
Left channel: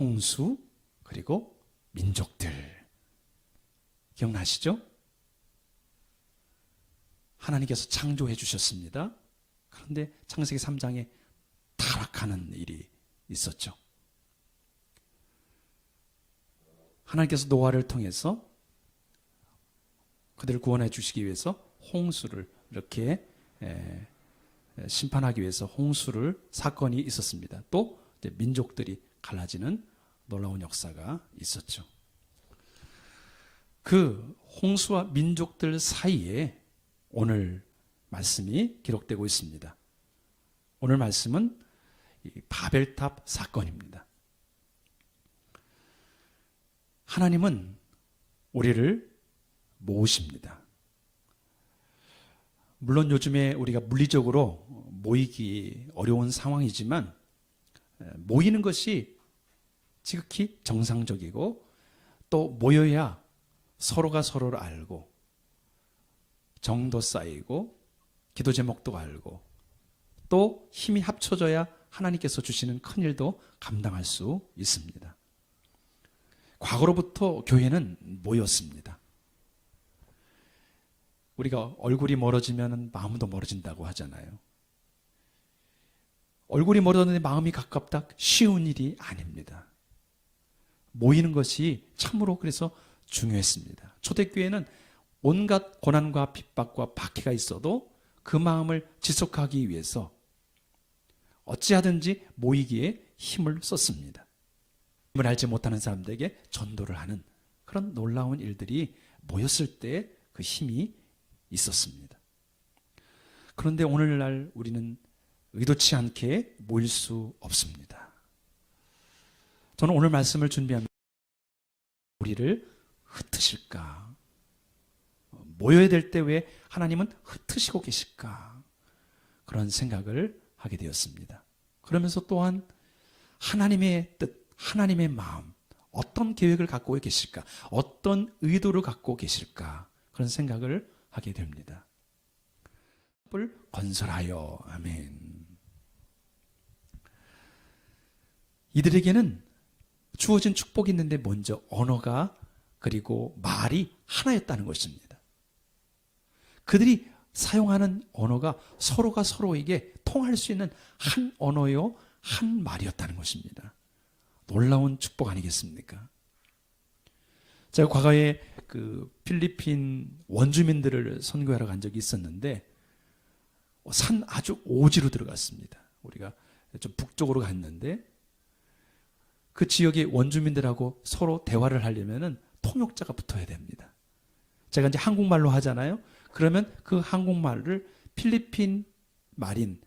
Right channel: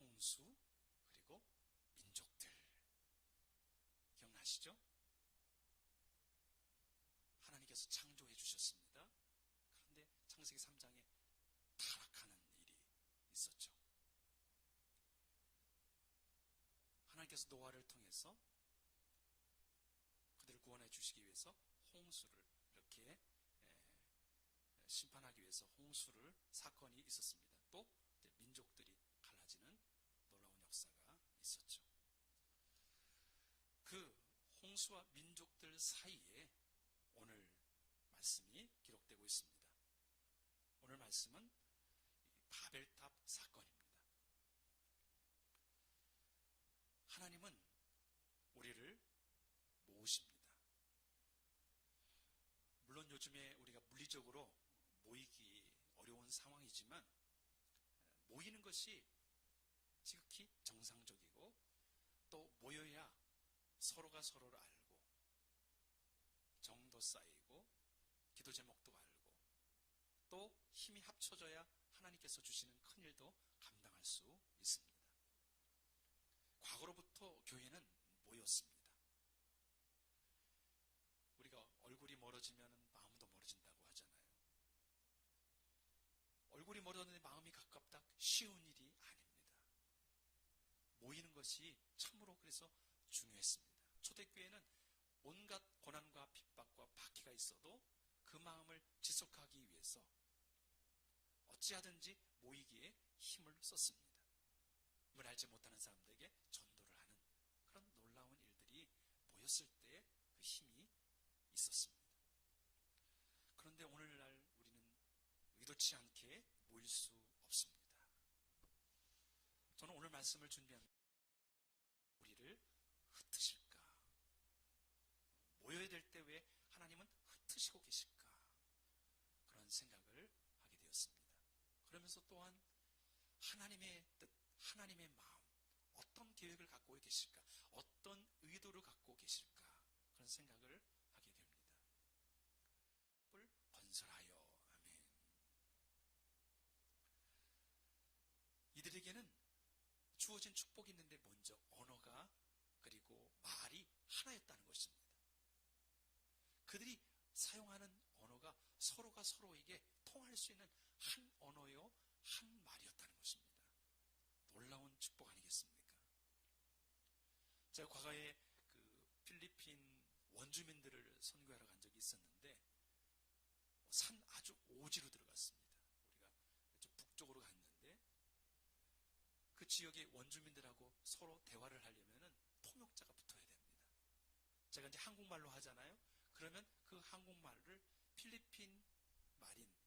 홍수, 그리고 민족들. 기억나시죠? 하나님께서 창조해 주셨습니다. 그런데 창세기 3장에 타락하는 일이 있었죠. 하나님께서 노아를 통해서 그들을 구원해 주시기 위해서 홍수를 이렇게 심판하기 위해서 홍수를 사건이 있었습니다. 또 이제 민족들이 갈라지는 놀라운 역사가 있었죠. 그 홍수와 민족들 사이에 오늘 말씀이 기록되고 있습니다. 오늘 말씀은 이 바벨탑 사건입니다. 하나님은 우리를 모으십니다. 물론 요즘에 우리가 물리적으로 모이기 어려운 상황이지만 모이는 것이 지극히 정상적이고 또 모여야 서로가 서로를 알고 정도 쌓이고 기도 제목도 알고 또 힘이 합쳐져야 하나님께서 주시는 큰 일도 감당할 수 있습니다. 과거로부터 교회는 모였습니다. 우리가 얼굴이 멀어지면 마음도 멀어진다고 하잖아요. 얼굴이 멀어졌는데 마음이 가깝다? 쉬운 일이 아닙니다. 모이는 것이 참으로 그래서 중요했습니다. 초대교회는 온갖 고난과 핍박과 박해가 있어도 그 마음을 지속하기 위해서 어찌하든지 모이기에 힘을 썼습니다. 힘을 알지 못하는 사람들에게 전도를 하는 그런 놀라운 일들이 모였을 때 그 힘이 있었습니다. 그런데 오늘날 우리는 의도치 않게 모일 수 없습니다. 저는 오늘 말씀을 준비하면서 우리를 흩으실까? 모여야 될 때 왜 하나님은 흩으시고 계실까? 그런 생각을 하게 되었습니다. 그러면서 또한 하나님의 뜻, 하나님의 마음, 어떤 계획을 갖고 계실까? 어떤 의도를 갖고 계실까? 그런 생각을 하게 됩니다. 을 건설하여. 아멘. 이들에게는 주어진 축복이 있는데 먼저 언어가 그리고 말이 하나였다는 것입니다. 그들이 사용하는 언어가 서로가 서로에게 통할 수 있는 한 언어요, 한 말이었다는 것입니다. 놀라운 축복 아니겠습니까? 제가 과거에 그 필리핀 원주민들을 선교하러 간 적이 있었는데 산 아주 오지로 들어갔습니다. 우리가 좀 북쪽으로 갔는데 그 지역의 원주민들하고 서로 대화를 하려면은 통역자가 붙어야 됩니다. 제가 이제 한국말로 하잖아요. 그러면 그 한국말을 필리핀 말인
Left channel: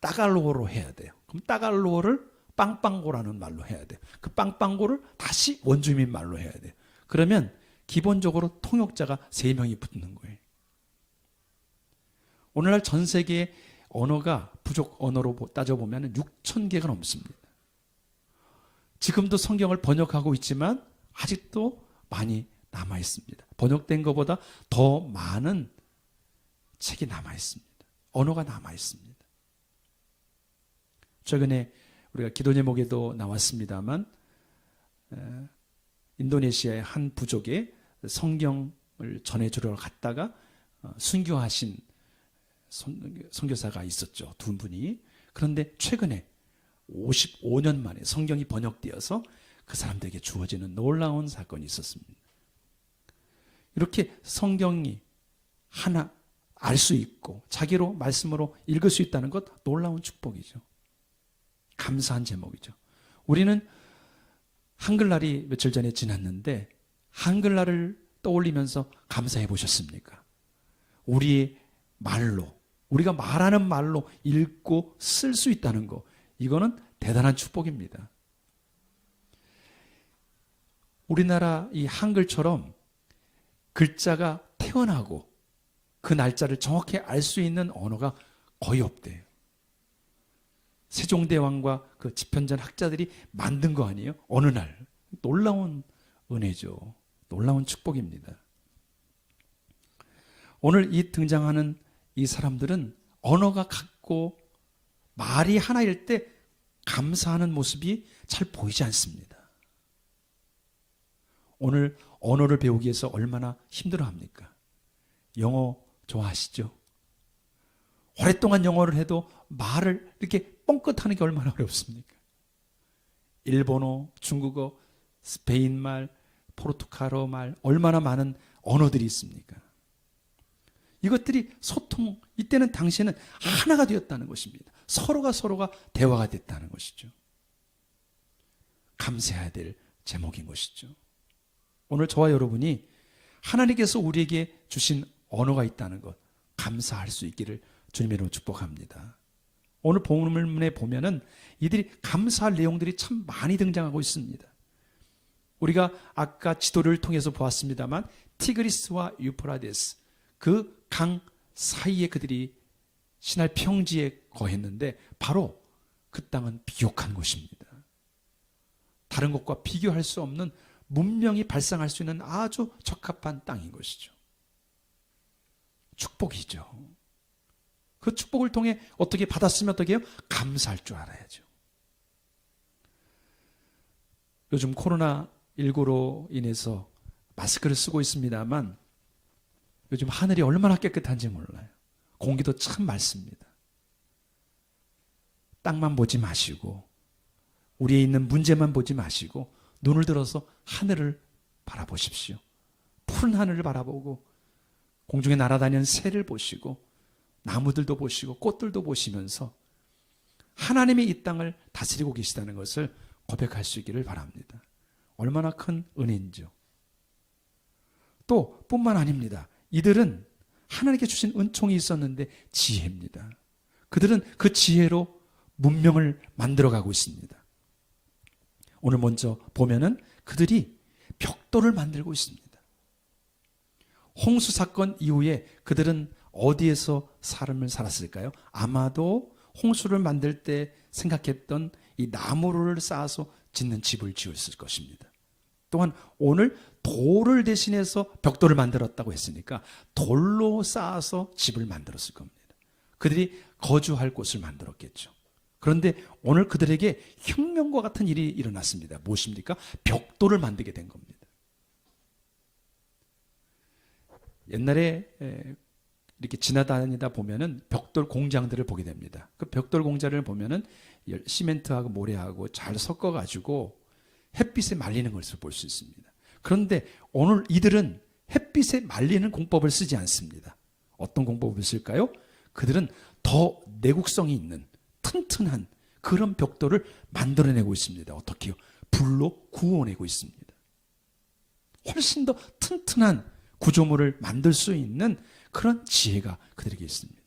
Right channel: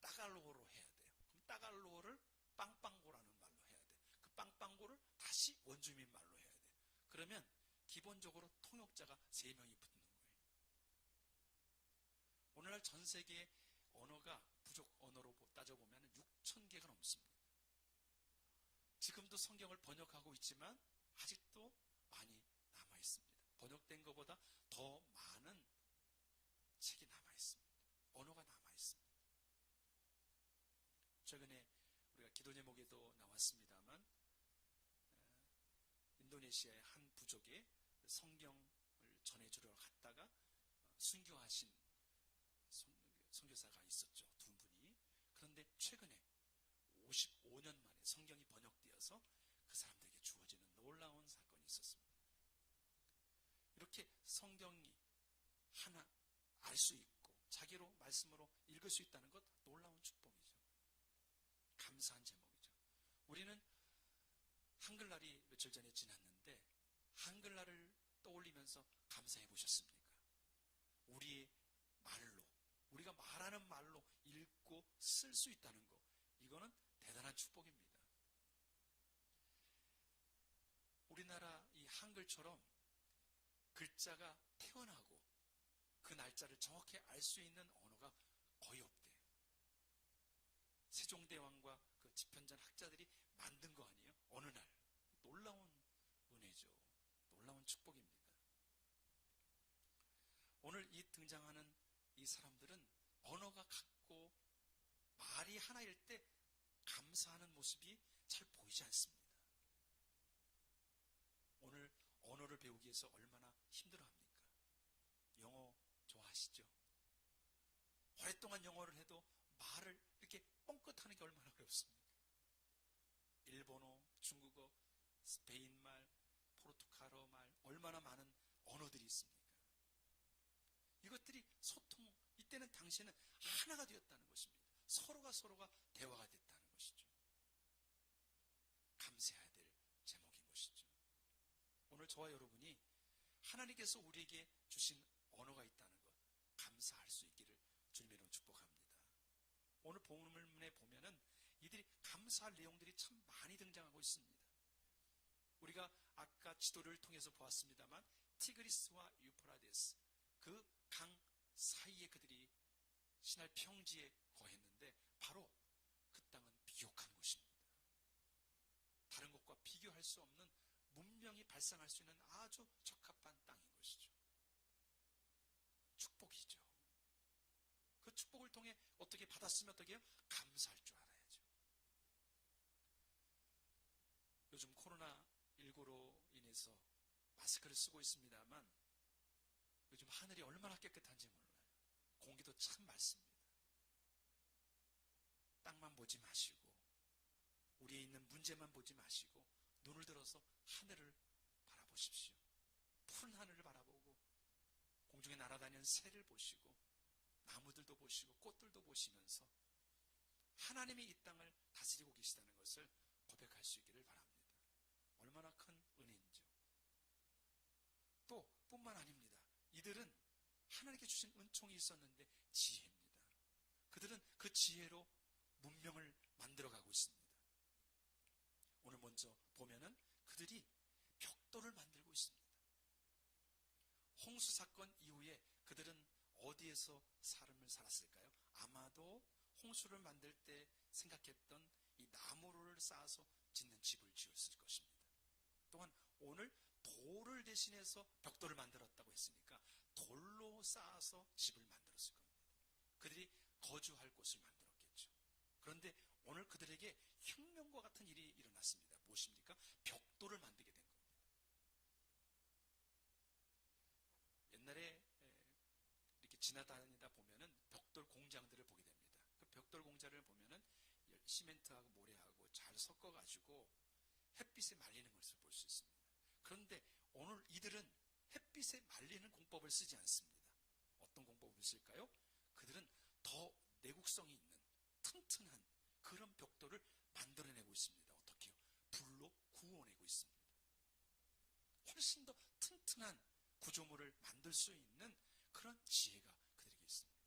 따갈로어로 해야 돼요. 그럼 따갈로어를 빵빵고라는 말로 해야 돼요. 그 빵빵고를 다시 원주민 말로 해야 돼요. 그러면 기본적으로 통역자가 3명이 붙는 거예요. 오늘날 전 세계의 언어가 부족 언어로 따져보면 6,000개가 넘습니다. 지금도 성경을 번역하고 있지만 아직도 많이 남아 있습니다. 번역된 것보다 더 많은 책이 남아 있습니다. 언어가 남아 있습니다. 최근에 우리가 기도 제목에도 나왔습니다만 인도네시아의 한 부족에 성경을 전해주러 갔다가 순교하신 선교사가 있었죠. 2분이. 그런데 최근에 55년 만에 성경이 번역되어서 그 사람들에게 주어지는 놀라운 사건이 있었습니다. 이렇게 성경이 하나 알 수 있고 자기로 말씀으로 읽을 수 있다는 것 놀라운 축복이죠. 감사한 제목이죠. 우리는 한글날이 며칠 전에 지났는데 한글날을 떠올리면서 감사해 보셨습니까? 우리의 말로, 우리가 말하는 말로 읽고 쓸 수 있다는 거, 이거는 대단한 축복입니다. 우리나라 이 한글처럼 글자가 태어나고 그 날짜를 정확히 알 수 있는 언어가 거의 없대요. 세종대왕과 그 집현전 학자들이 만든 거 아니에요? 어느 날. 놀라운 은혜죠. 놀라운 축복입니다. 오늘 이 등장하는 이 사람들은 언어가 같고 말이 하나일 때 감사하는 모습이 잘 보이지 않습니다. 오늘 언어를 배우기 위해서 얼마나 힘들어합니까? 영어 좋아하시죠? 오랫동안 영어를 해도 말을 이렇게 뻥끗하는 게 얼마나 어렵습니까? 일본어, 중국어, 스페인말, 포르투갈어 말, 얼마나 많은 언어들이 있습니까? 이것들이 소통, 이때는 당시에는 하나가 되었다는 것입니다. 서로가 대화가 됐다는 것이죠. 감사해야 될 제목인 것이죠. 오늘 저와 여러분이 하나님께서 우리에게 주신 언어가 있다는 것 감사할 수 있기를 주님의 이름으로 축복합니다. 오늘 본문에 보면은 이들이 감사할 내용들이 참 많이 등장하고 있습니다. 우리가 아까 지도를 통해서 보았습니다만 티그리스와 유프라데스 그 강 사이에 그들이 시날 평지에 거했는데 바로 그 땅은 비옥한 곳입니다. 다른 곳과 비교할 수 없는 문명이 발상할 수 있는 아주 적합한 땅인 것이죠. 축복이죠. 그 축복을 통해 어떻게 받았으면 어떻게 해요? 감사할 줄 알아야죠. 요즘 코로나19로 인해서 마스크를 쓰고 있습니다만 요즘 하늘이 얼마나 깨끗한지 몰라요. 공기도 참 맑습니다. 땅만 보지 마시고 우리에 있는 문제만 보지 마시고 눈을 들어서 하늘을 바라보십시오. 푸른 하늘을 바라보고 공중에 날아다니는 새를 보시고 나무들도 보시고 꽃들도 보시면서 하나님이 이 땅을 다스리고 계시다는 것을 고백할 수 있기를 바랍니다. 얼마나 큰 은혜인지요. 또 뿐만 아닙니다. 이들은 하나님께 주신 은총이 있었는데 지혜입니다. 그들은 그 지혜로 문명을 만들어가고 있습니다. 오늘 먼저 보면은 그들이 벽돌을 만들고 있습니다. 홍수 사건 이후에 그들은 어디에서 삶을 살았을까요? 아마도 홍수를 만들 때 생각했던 이 나무를 쌓아서 짓는 집을 지었을 것입니다. 또한 오늘 돌을 대신해서 벽돌을 만들었다고 했으니까 돌로 쌓아서 집을 만들었을 겁니다. 그들이 거주할 곳을 만들었겠죠. 그런데 오늘 그들에게 혁명과 같은 일이 일어났습니다. 무엇입니까? 벽돌을 만들게 된 겁니다. 옛날에 이렇게 지나다니다 보면은 벽돌 공장들을 보게 됩니다. 그 벽돌 공장을 보면은 시멘트하고 모래하고 잘 섞어가지고 햇빛에 말리는 것을 볼 수 있습니다. 그런데 오늘 이들은 햇빛에 말리는 공법을 쓰지 않습니다. 어떤 공법을 쓸까요? 그들은 더 내구성이 있는 튼튼한 그런 벽돌을 만들어내고 있습니다. 어떻게요? 불로 구워내고 있습니다. 훨씬 더 튼튼한 구조물을 만들 수 있는 그런 지혜가 그들에게 있습니다.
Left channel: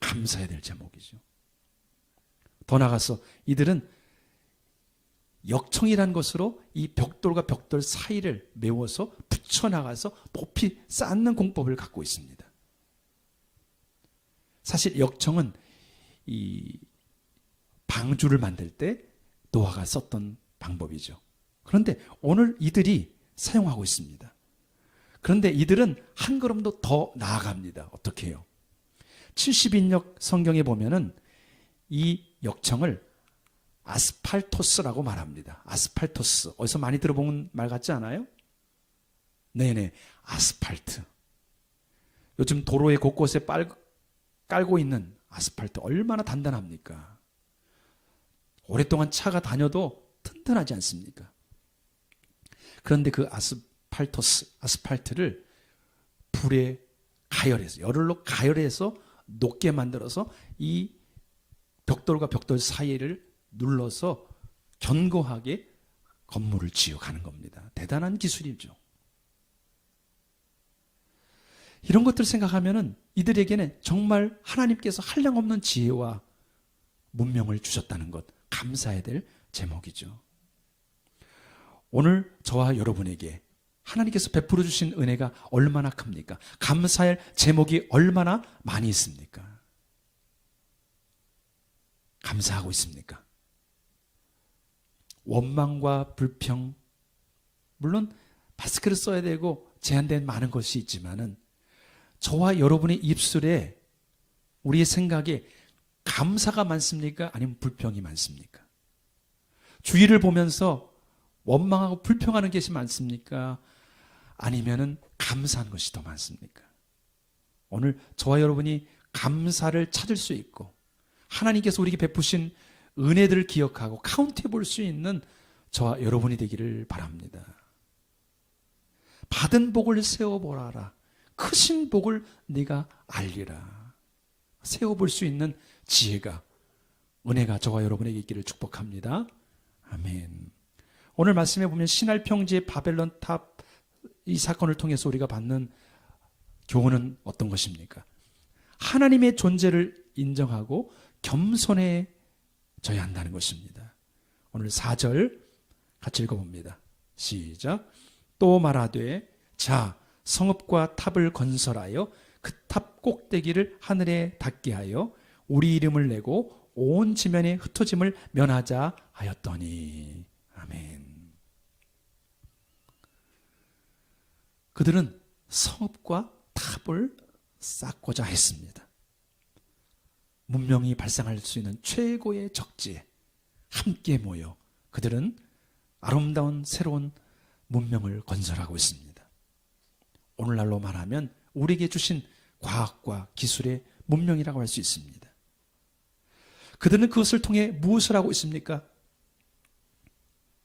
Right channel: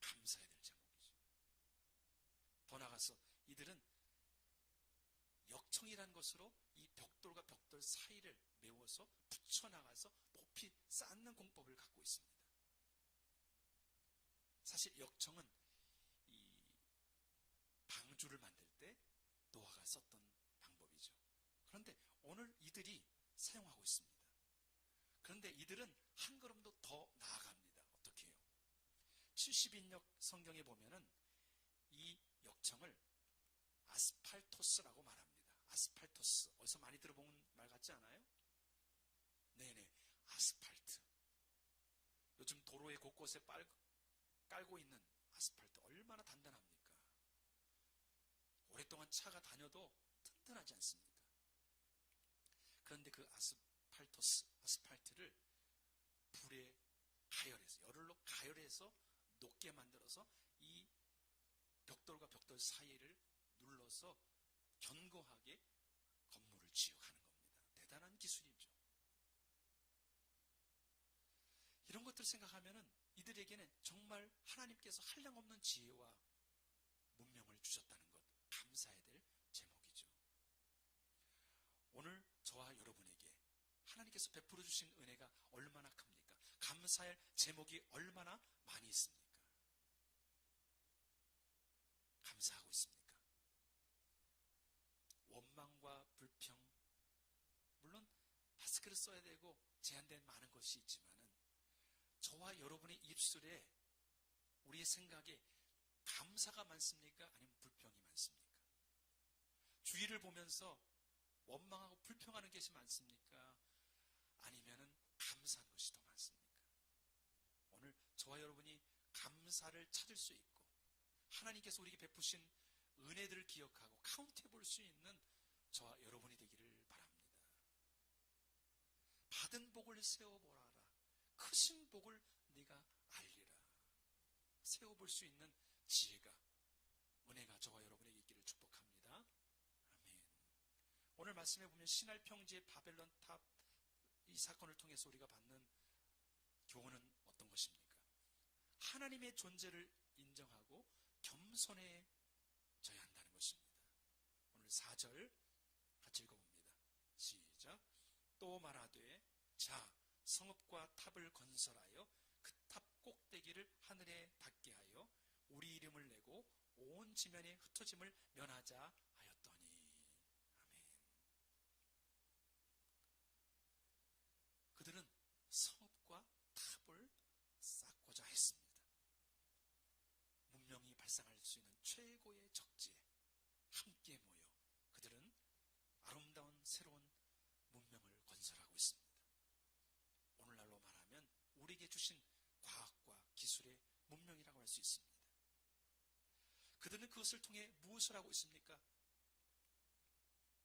감사해야 될 제목이죠. 더 나아가서 이들은 역청이라는 것으로 이 벽돌과 벽돌 사이를 메워서 붙여나가서 높이 쌓는 공법을 갖고 있습니다. 사실 역청은 이 방주를 만들 때 노아가 썼던 방법이죠. 그런데 오늘 이들이 사용하고 있습니다. 그런데 이들은 한 걸음도 더 나아갑니다. 어떻게 해요? 70인역 성경에 보면은 이 역청을 아스팔토스라고 말합니다. 아스팔토스. 어디서 많이 들어본 말 같지 않아요? 네네. 아스팔트. 요즘 도로의 곳곳에 깔고 있는 아스팔트 얼마나 단단합니까? 오랫동안 차가 다녀도 튼튼하지 않습니까? 그런데 그 아스팔트를 불에 가열해서, 열로 가열해서 녹게 만들어서 이 벽돌과 벽돌 사이를 눌러서 견고하게 건물을 지어가는 겁니다. 대단한 기술이죠. 이런 것들 생각하면은 이들에게는 정말 하나님께서 한량없는 지혜와 문명을 주셨다는 것, 감사해야 될 제목이죠. 오늘 저와 여러분에게 하나님께서 베풀어 주신 은혜가 얼마나 큽니까? 감사할 제목이 얼마나 많이 있습니까? 감사하고 있습니까? 원망과 불평, 물론 마스크를 써야 되고 제한된 많은 것이 있지만은 저와 여러분의 입술에, 우리의 생각에 감사가 많습니까? 아니면 불평이 많습니까? 주위를 보면서 원망하고 불평하는 것이 많습니까? 아니면은 감사한 것이 더 많습니까? 오늘 저와 여러분이 감사를 찾을 수 있고 하나님께서 우리에게 베푸신 은혜들을 기억하고 카운트해 볼 수 있는 저와 여러분이 되기를 바랍니다. 받은 복을 세어보라라. 크신 복을 네가 알리라. 세어볼 수 있는 지혜가, 은혜가 저와 여러분에게 있기를 축복합니다. 아멘. 오늘 말씀에 보면 신할 평지의 바벨론 탑, 이 사건을 통해서 우리가 받는 교훈은 어떤 것입니까? 하나님의 존재를 인정하고 겸손해져야 한다는 것입니다. 오늘 4절 같이 읽어봅니다. 시작. 또 말하되 자, 성읍과 탑을 건설하여 그 탑 꼭대기를 하늘에 닿게 하여 우리 이름을 내고 온 지면에 흩어짐을 면하자 하였더니. 아멘. 그들은 성읍과 탑을 쌓고자 했습니다. 문명이 발생할 수 있는 최고의 적지에 함께 모여 그들은 아름다운 새로운 문명을 건설하고 있습니다. 오늘날로 말하면 우리에게 주신 과학과 기술의 문명이라고 할 수 있습니다. 그들은 그것을 통해 무엇을 하고 있습니까?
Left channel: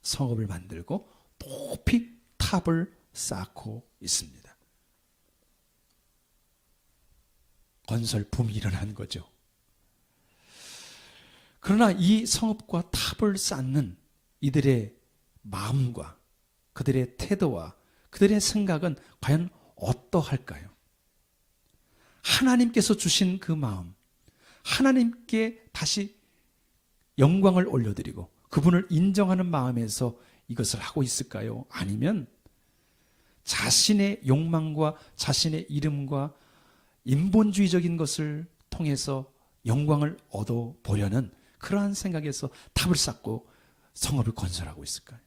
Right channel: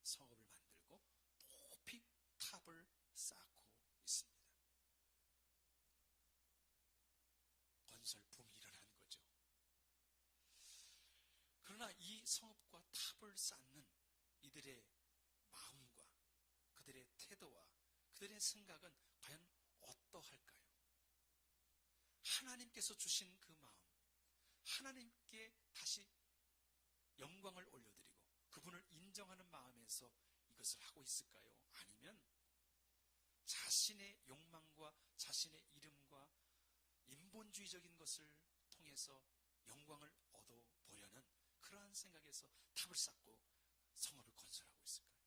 성읍을 만들고 높이 탑을 쌓고 있습니다. 건설 붐이 일어난 거죠. 그러나 이 성읍과 탑을 쌓는 이들의 마음과 그들의 태도와 그들의 생각은 과연 어떠할까요? 하나님께서 주신 그 마음, 하나님께 다시 영광을 올려드리고 그분을 인정하는 마음에서 이것을 하고 있을까요? 아니면 자신의 욕망과 자신의 이름과 인본주의적인 것을 통해서 영광을 얻어보려는 그러한 생각에서 탑을 쌓고 성읍을 건설하고 있을까요?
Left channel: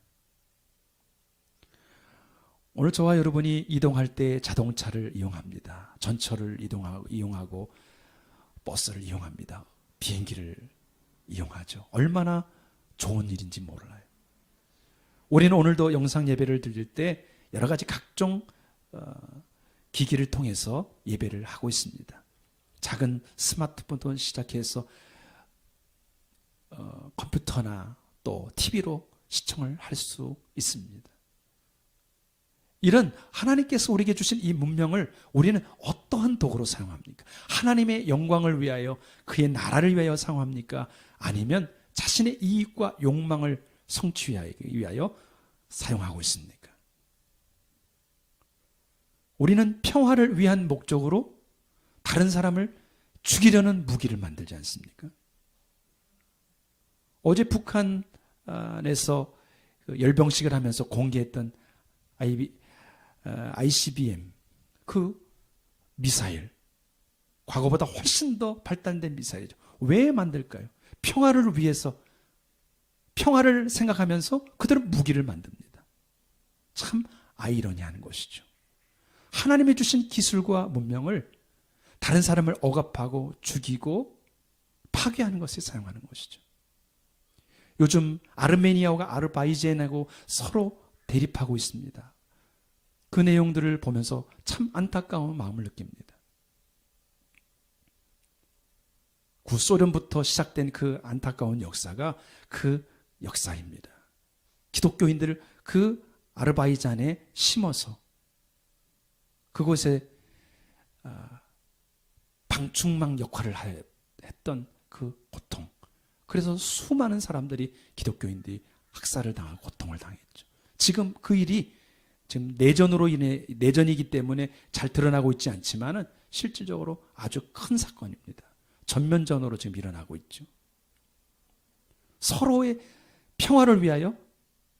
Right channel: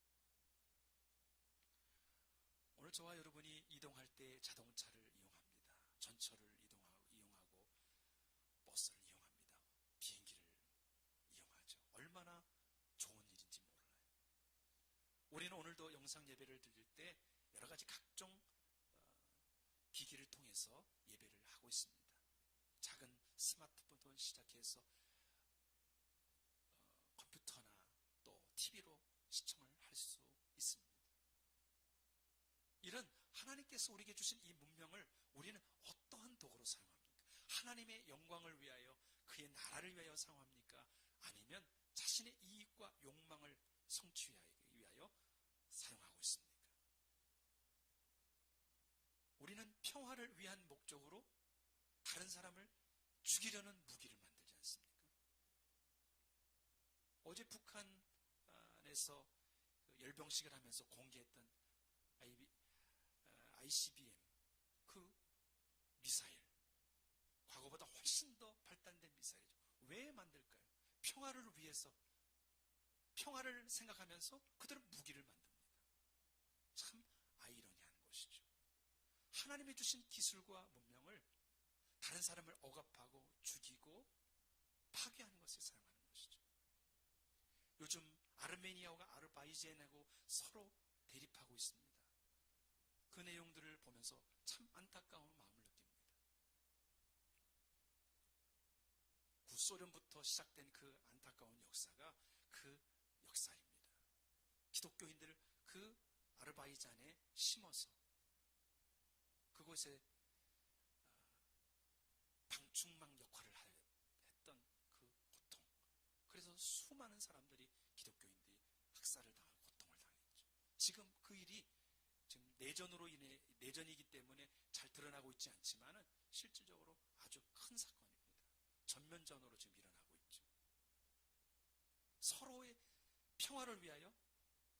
오늘 저와 여러분이 이동할 때 자동차를 이용합니다. 전철을 이용하고 버스를 이용합니다. 비행기를 이용하죠. 얼마나 좋은 일인지 몰라요. 우리는 오늘도 영상 예배를 드릴 때 여러 가지 각종 기기를 통해서 예배를 하고 있습니다. 작은 스마트폰부터 시작해서 컴퓨터나 또 TV로 시청을 할 수 있습니다. 이런 하나님께서 우리에게 주신 이 문명을 우리는 어떠한 도구로 사용합니까? 하나님의 영광을 위하여, 그의 나라를 위하여 사용합니까? 아니면 자신의 이익과 욕망을 성취하기 위하여 사용하고 있습니까? 우리는 평화를 위한 목적으로 다른 사람을 죽이려는 무기를 만들지 않습니까? 어제 북한에서 열병식을 하면서 공개했던 ICBM 그 미사일, 과거보다 훨씬 더 발달된 미사일이죠. 왜 만들까요? 평화를 위해서, 평화를 생각하면서 그들은 무기를 만듭니다. 참 아이러니한 것이죠. 하나님이 주신 기술과 문명을 다른 사람을 억압하고 죽이고 파괴하는 것에 사용하는 것이죠. 요즘 아르메니아와 아르바이잔하고 서로 대립하고 있습니다. 그 내용들을 보면서 참 안타까운 마음을 느낍니다. 구소련부터 시작된 그 안타까운 역사가 그 역사입니다. 기독교인들을 그 아르바이잔에 심어서 그곳에 방충망 역할을 했던 그 고통. 그래서 수많은 사람들이 기독교인들이 학살을 당하고 고통을 당했죠. 지금 그 일이 지금 내전이기 때문에 잘 드러나고 있지 않지만은 실질적으로 아주 큰 사건입니다. 전면전으로 지금 일어나고 있죠. 서로의 평화를 위하여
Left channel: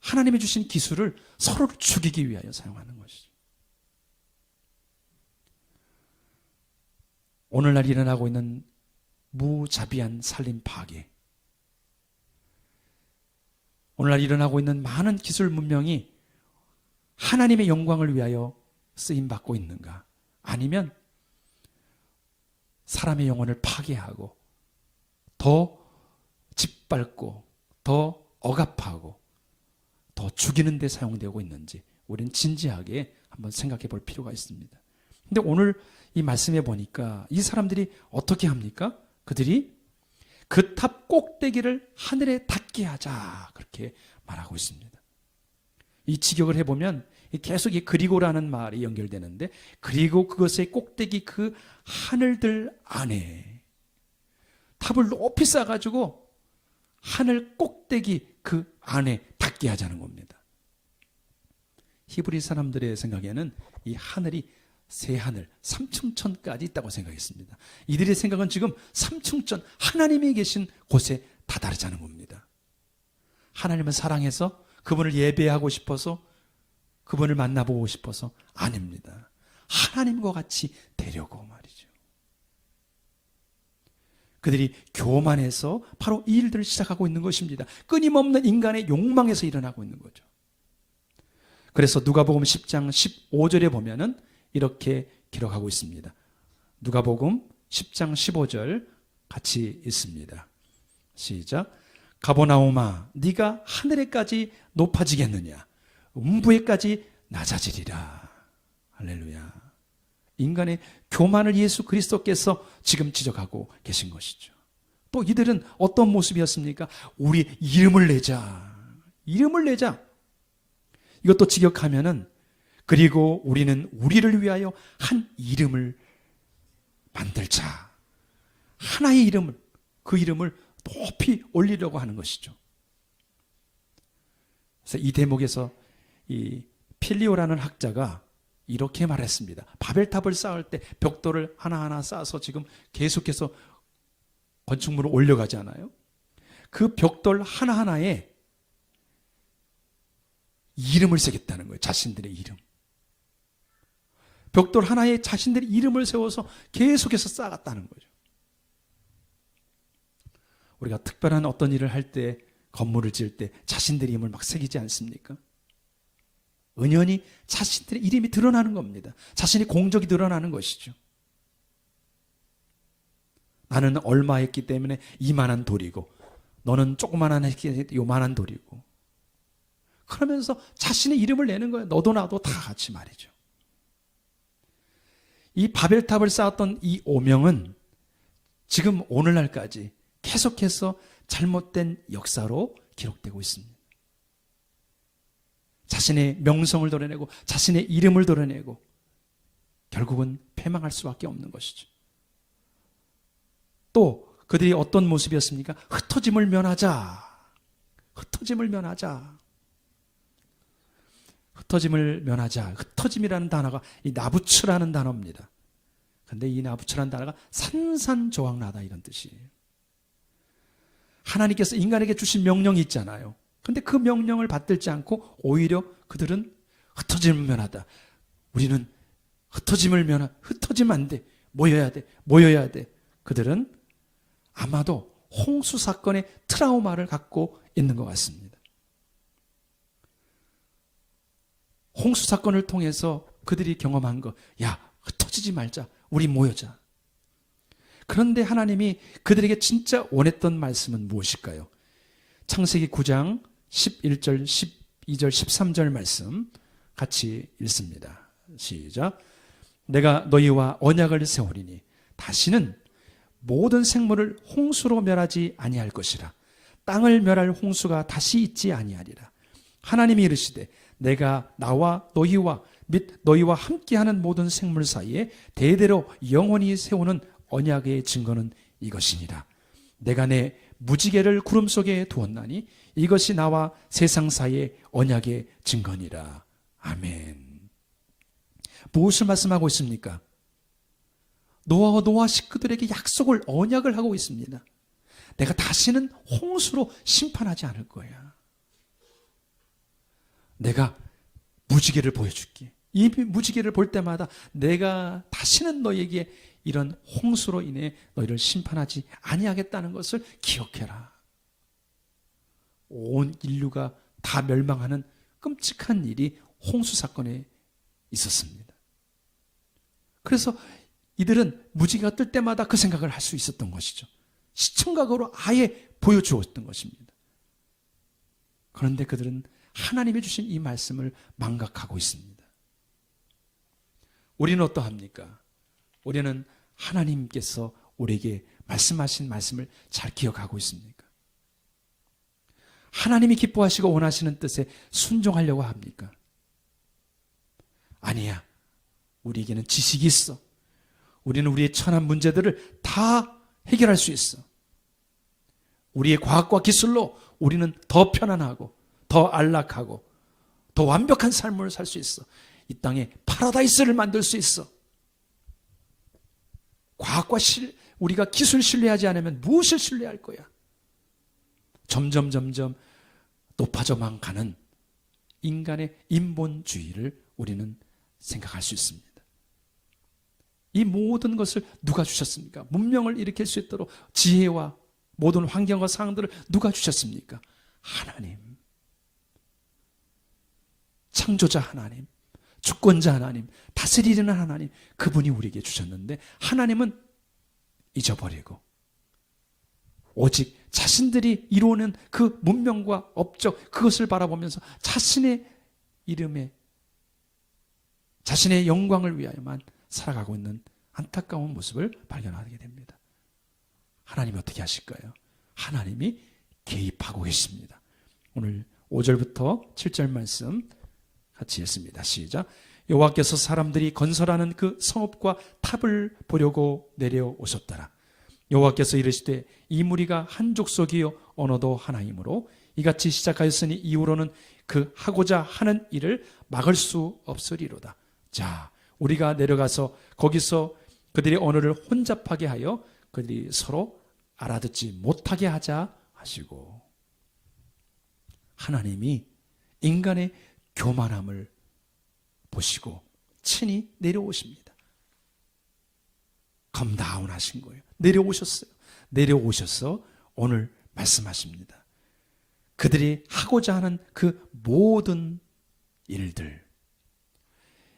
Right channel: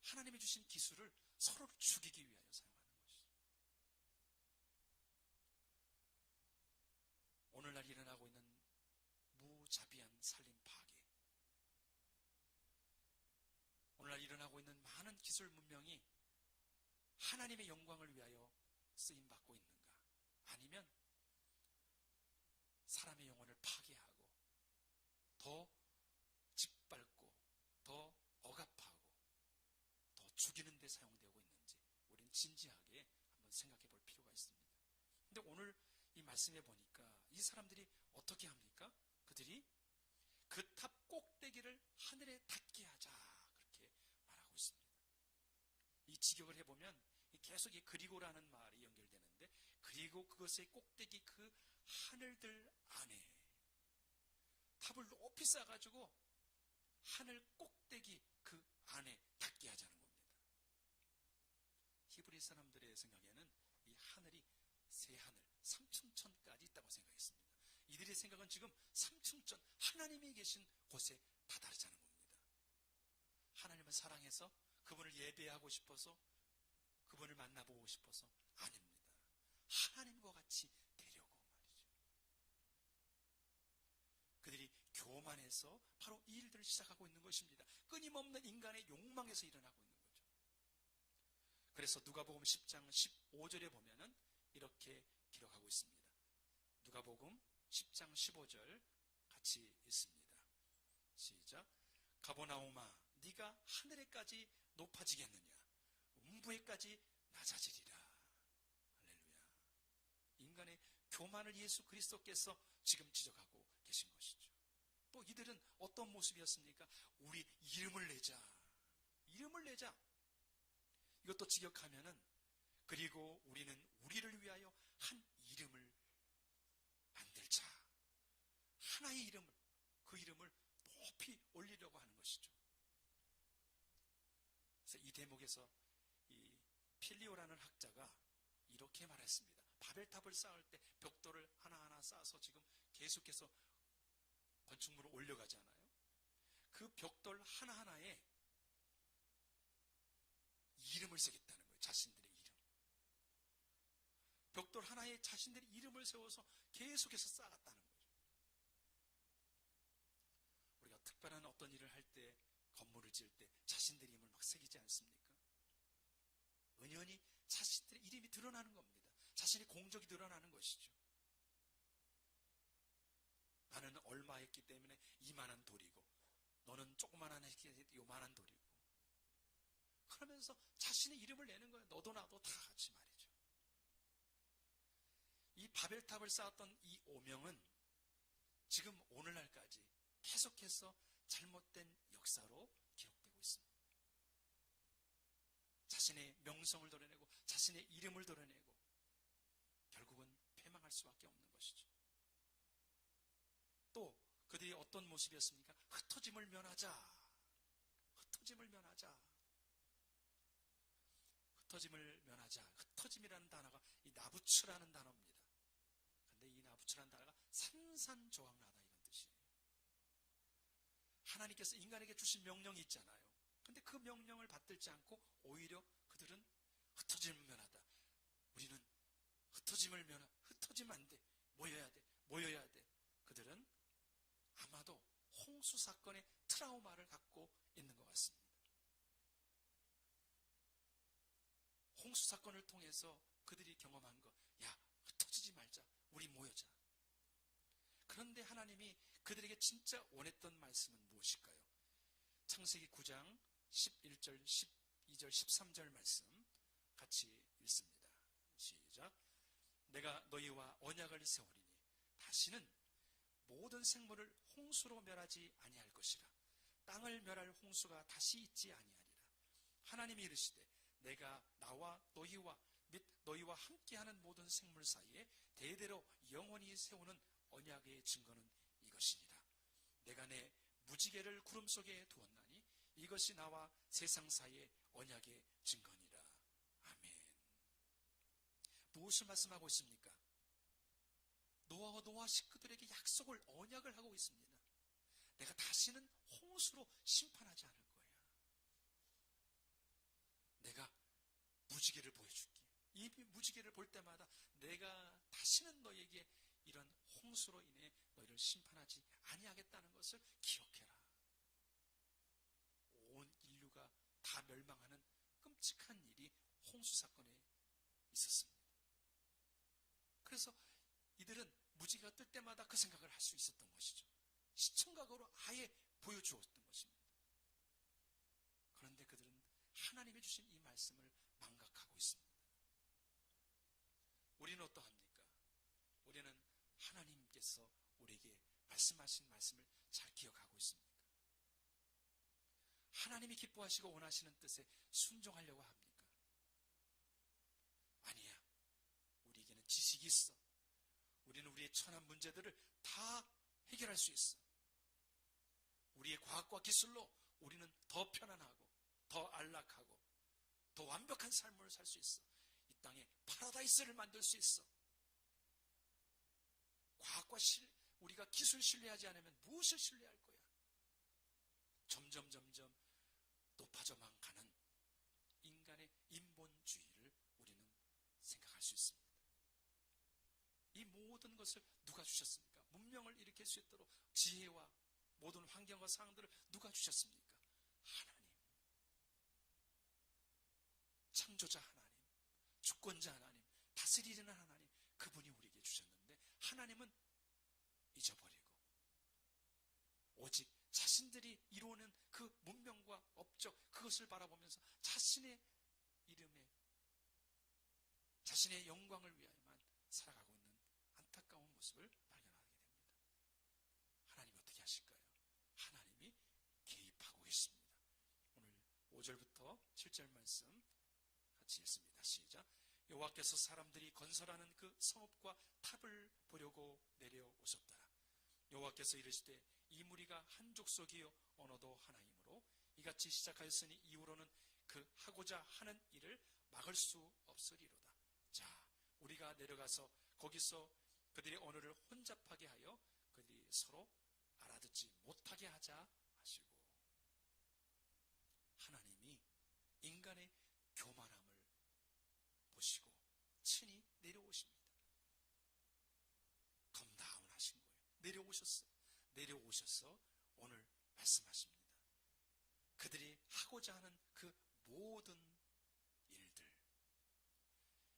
하나님이 주신 기술을 서로를 죽이기 위하여 사용하는 것이죠. 오늘날 일어나고 있는 무자비한 살림 파괴, 오늘날 일어나고 있는 많은 기술 문명이 하나님의 영광을 위하여 쓰임받고 있는가? 아니면 사람의 영혼을 파괴하고 더 짓밟고 더 억압하고 더 죽이는 데 사용되고 있는지 우리는 진지하게 한번 생각해 볼 필요가 있습니다. 근데 오늘 이 말씀에 보니까 이 사람들이 어떻게 합니까? 그들이 그 탑 꼭대기를 하늘에 닿게 하자 그렇게 말하고 있습니다. 이 직역을 해보면 계속 이 그리고라는 말이 연결되는데, 그리고 그것의 꼭대기 그 하늘들 안에 탑을 높이 쌓아가지고 하늘 꼭대기 그 안에 닿게 하자는 겁니다. 히브리 사람들의 생각에는 이 하늘이 새 하늘, 삼층천까지 있다고 생각했습니다. 이들의 생각은 지금 삼층천, 하나님이 계신 곳에 다다르자는 겁니다. 하나님을 사랑해서 그분을 예배하고 싶어서 그분을 만나보고 싶어서 아닙니다. 하나님과 같이 되려고 말이죠. 그들이 교만해서 바로 이 일들을 시작하고 있는 것입니다. 끊임없는 인간의 욕망에서 일어나고 있는 거죠. 그래서 누가복음 10장 15절에 보면은 이렇게 기록하고 있습니다. 누가복음 10장 15절 같이 읽습니다. 시작. 가버나움아, 네가 하늘에까지 높아지겠느냐? 음부에까지 낮아지리라. 할렐루야. 인간의 교만을 예수 그리스도께서 지금 지적하고 계신 것이죠. 또 이들은 어떤 모습이었습니까? 우리 이름을 내자. 이름을 내자. 이것도 직역하면은 그리고 우리는 우리를 위하여 한 이름을 만들자. 하나의 이름을, 그 이름을 높이 올리려고 하는 것이죠. 그래서 이 대목에서 이 필리오라는 학자가 이렇게 말했습니다. 바벨탑을 쌓을 때 벽돌을 하나하나 쌓아서 지금 계속해서 건축물을 올려가지 않아요? 그 벽돌 하나하나에 이름을 새겼다는 거예요. 자신들의 이름. 벽돌 하나에 자신들의 이름을 세워서 계속해서 쌓았다는 거죠. 우리가 특별한 어떤 일을 할 때, 건물을 지을 때 자신들의 이름을 막 새기지 않습니까? 은연히 자신들의 이름이 드러나는 겁니다. 자신의 공적이 드러나는 것이죠. 나는 얼마 했기 때문에 이만한 돌이고, 너는 조그만한 했기 때문에 요만한 돌이고, 그러면서 자신의 이름을 내는 거예요. 너도 나도 다 같이 말이죠. 이 바벨탑을 쌓았던 이 오명은 지금 오늘날까지 계속해서 잘못된 역사로 기록되고 있습니다. 자신의 명성을 드러내고 자신의 이름을 드러내고 결국은 패망할 수밖에 없는 것이죠. 또 그들이 어떤 모습이었습니까? 흩어짐을 면하자. 흩어짐을 면하자. 흩어짐을 면하자. 흩어짐이라는 단어가 이 나부츠라는 단어입니다. 근데 이 나부츠라는 단어가 산산조각나다 이런 뜻이에요. 하나님께서 인간에게 주신 명령이 있잖아요. 근데 그 명령을 받들지 않고 오히려 그들은 흩어짐을 면하다. 우리는 흩어지면 안 돼. 모여야 돼. 모여야 돼. 그들은 아마도 홍수 사건의 트라우마를 갖고 있는 것 같습니다. 홍수 사건을 통해서 그들이 경험한 거, 야, 흩어지지 말자. 우리 모여자. 그런데 하나님이 그들에게 진짜 원했던 말씀은 무엇일까요? 창세기 9장 11절, 12절, 13절 말씀 같이 읽습니다. 시작. 내가 너희와 언약을 세우리니 다시는 모든 생물을 홍수로 멸하지 아니할 것이라. 땅을 멸할 홍수가 다시 있지 아니하리라. 하나님이 이르시되 내가 나와 너희와 및 너희와 함께하는 모든 생물 사이에 대대로 영원히 세우는 언약의 증거는 이것이니라. 내가 내 무지개를 구름 속에 두었나니 이것이 나와 세상 사이의 언약의 증거니라. 아멘. 무엇을 말씀하고 있습니까? 노아와 식구들에게 약속을, 언약을 하고 있습니다. 내가 다시는 홍수로 심판하지 않을 거야. 내가 무지개를 보여줄게. 이 무지개를 볼 때마다 내가 다시는 너에게 이런 홍수로 인해 너희를 심판하지 아니하겠다는 것을 기억해라. 온 인류가 다 멸망하는 끔찍한 일이 홍수 사건에 있었습니다. 그래서 이들은 무지개가 뜰 때마다 그 생각을 할 수 있었던 것이죠. 시청각으로 아예 보여주었던 것입니다. 그런데 그들은 하나님이 주신 이 말씀을 망각하고 있습니다. 우리는 어떠합니까? 우리는 하나님께서 우리에게 말씀하신 말씀을 잘 기억하고 있습니까? 하나님이 기뻐하시고 원하시는 뜻에 순종하려고 합니까? 아니야. 우리에게는 지식이 있어. 우리는 우리의 천한 문제들을 다 해결할 수 있어. 우리의 과학과 기술로 우리는 더 편안하고 더 안락하고 더 완벽한 삶을 살 수 있어. 이 땅에 파라다이스를 만들 수 있어. 과학과 우리가 기술 신뢰하지 않으면 무엇을 신뢰할 거야? 점점 높아져만 가는 인간의 인본주의를 우리는 생각할 수 있습니다. 이 모든 것을 누가 주셨습니까? 문명을 일으킬 수 있도록 지혜와 모든 환경과 상황들을 누가 주셨습니까? 하나님. 창조자 하나님, 주권자 하나님, 다스리는 하나님, 그분이 우리에게 주셨는데 하나님은 잊어버리고 오직 자신들이 이루는 그 문명과 업적, 그것을 바라보면서 자신의 이름에, 자신의 영광을 위하여만 살아가고 있는 안타까운 모습을 발견하게 됩니다. 하나님이 어떻게 하실까요? 하나님이 개입하고 계십니다. 오늘 5절부터 7절 말씀 같이 읽습니다. 시작. 여호와께서 사람들이 건설하는 그 성읍과 탑을 보려고 내려오셨더라. 여호와께서 이르시되 이 무리가 한 족속이요 언어도 하나이므로 이같이 시작하였으니 이후로는 그 하고자 하는 일을 막을 수 없으리로다. 자, 우리가 내려가서 거기서 그들의 언어를 혼잡하게 하여 그들이 서로 알아듣지 못하게 하자 하시고, 하나님이 인간의 교만함을 보시고 친히 내려오십니다. 컴다운 하신 거예요. 내려오셨어요. 내려오셔서 오늘 말씀하십니다. 그들이 하고자 하는 그 모든 일들,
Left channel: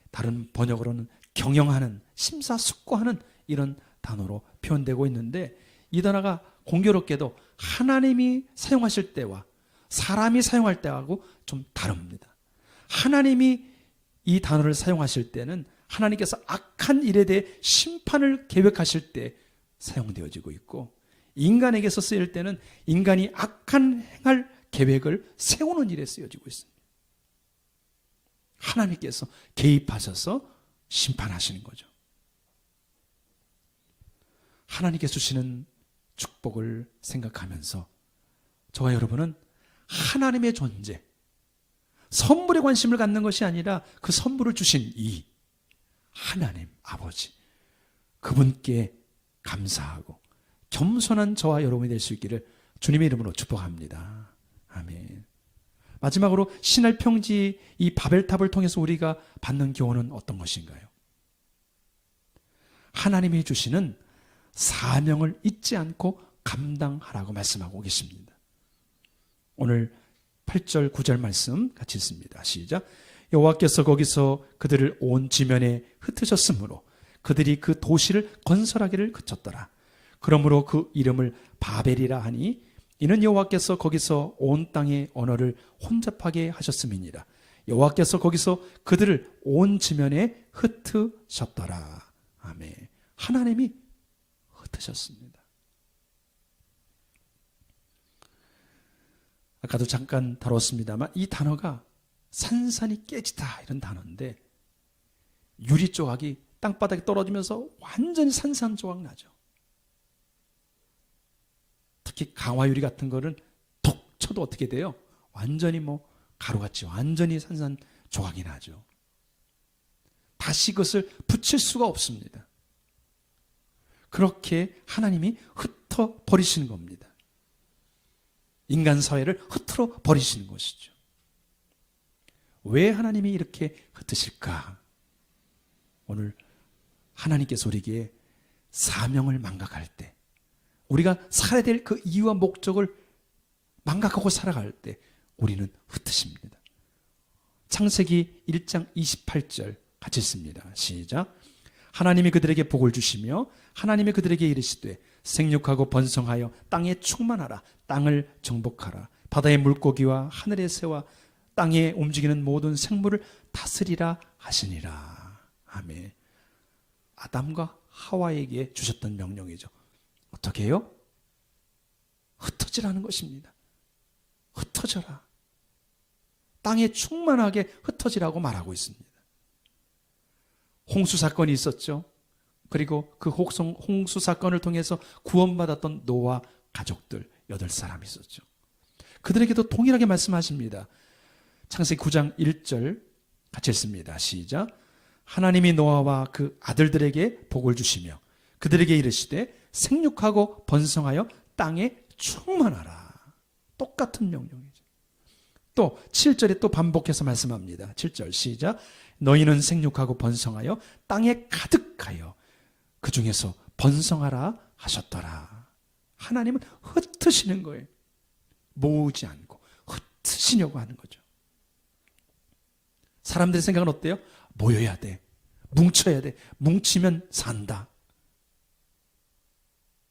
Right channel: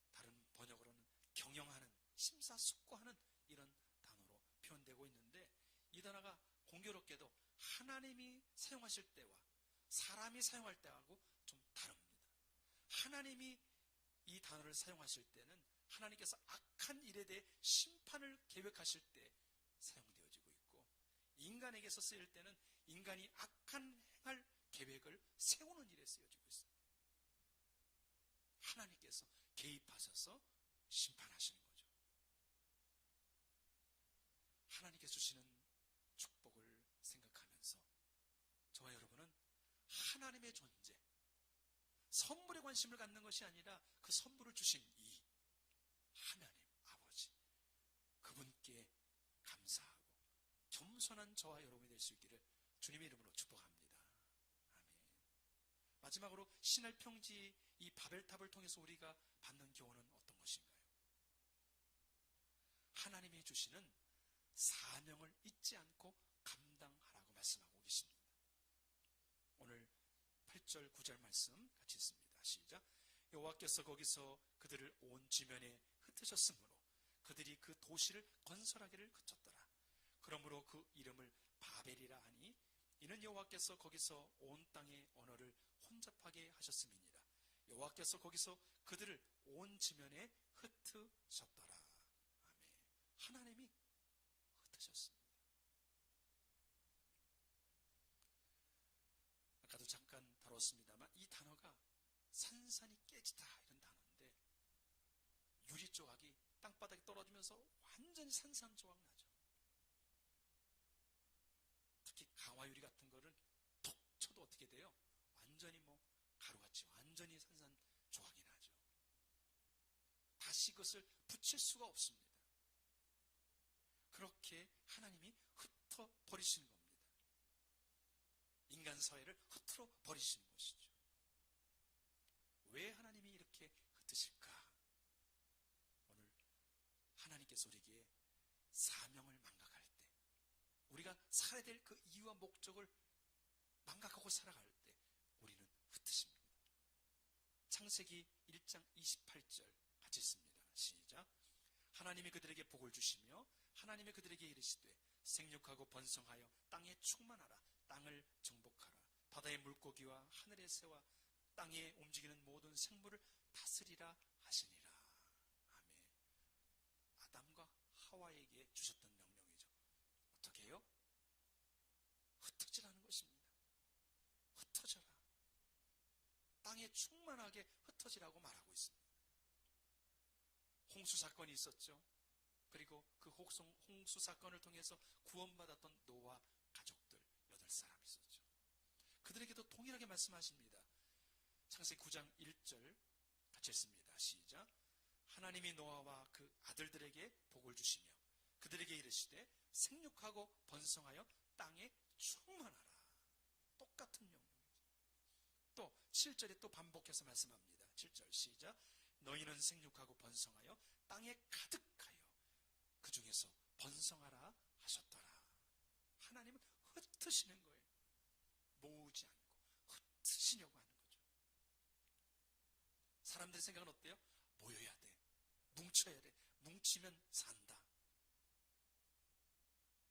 다른 번역으로는 경영하는, 심사숙고하는 이런 단어로 표현되고 있는데, 이 단어가 공교롭게도 하나님이 사용하실 때와 사람이 사용할 때하고 좀 다릅니다. 하나님이 이 단어를 사용하실 때는 하나님께서 악한 일에 대해 심판을 계획하실 때 사용되어지고 있고, 인간에게서 쓰일 때는 인간이 악한 행할 계획을 세우는 일에 쓰여지고 있습니다. 하나님께서 개입하셔서 심판하시는 거죠. 하나님께서 주시는 축복을 생각하면서 저와 여러분은 하나님의 존재, 선물에 관심을 갖는 것이 아니라 그 선물을 주신 이 하나님 아버지, 그분께 감사하고 겸손한 저와 여러분이 될 수 있기를 주님의 이름으로 축복합니다. 아멘. 마지막으로 신할 평지 이 바벨탑을 통해서 우리가 받는 교훈은 어떤 것인가요? 하나님이 주시는 사명을 잊지 않고 감당하라고 말씀하고 계십니다. 오늘 8절 9절 말씀 같이 읽습니다. 시작. 여호와께서 거기서 그들을 온 지면에 흩으셨으므로 그들이 그 도시를 건설하기를 그쳤더라. 그러므로 그 이름을 바벨이라 하니 이는 여호와께서 거기서 온 땅의 언어를 혼잡하게 하셨음이니라. 여호와께서 거기서 그들을 온 지면에 흩으셨더라. 아멘. 하나님이 흩으셨습니다. 아까도 잠깐 다뤘습니다만 이 단어가 산산이 깨지다 이런 단어인데 유리 조각이 땅바닥에 떨어지면서 완전히 산산조각 나죠. 특히 강화유리 같은 거는 톡 쳐도 어떻게 돼요? 완전히 뭐 가루같이 완전히 산산조각이 나죠. 다시 그것을 붙일 수가 없습니다. 그렇게 하나님이 흩어 버리시는 겁니다. 인간 사회를 흩어 버리시는 것이죠. 왜 하나님이 이렇게 흩으실까? 오늘 하나님께서 우리에게 사명을 망각할 때, 우리가 살아야 될 그 이유와 목적을 망각하고 살아갈 때 우리는 흩으십니다. 창세기 1장 28절 같이 읽습니다. 시작. 하나님이 그들에게 복을 주시며 하나님이 그들에게 이르시되 생육하고 번성하여 땅에 충만하라. 땅을 정복하라. 바다의 물고기와 하늘의 새와 땅에 움직이는 모든 생물을 다스리라 하시니라. 아멘. 아담과 하와에게 주셨던 명령이죠. 어떻게 해요? 흩어지라는 것입니다. 흩어져라. 땅에 충만하게 흩어지라고 말하고 있습니다. 홍수 사건이 있었죠. 그리고 그 홍수 사건을 통해서 구원받았던 노아 가족들 8사람이 있었죠. 그들에게도 동일하게 말씀하십니다. 창세기 9장 1절 같이 읽습니다. 시작. 하나님이 노아와 그 아들들에게 복을 주시며 그들에게 이르시되 생육하고 번성하여 땅에 충만하라. 똑같은 명령이죠. 또 7절에 또 반복해서 말씀합니다. 7절 시작. 너희는 생육하고 번성하여 땅에 가득하여 그 중에서 번성하라 하셨더라. 하나님은 흩으시는 거예요. 모으지 않고 흩으시려고 하는 거죠. 사람들의 생각은 어때요? 모여야 돼. 뭉쳐야 돼. 뭉치면 산다.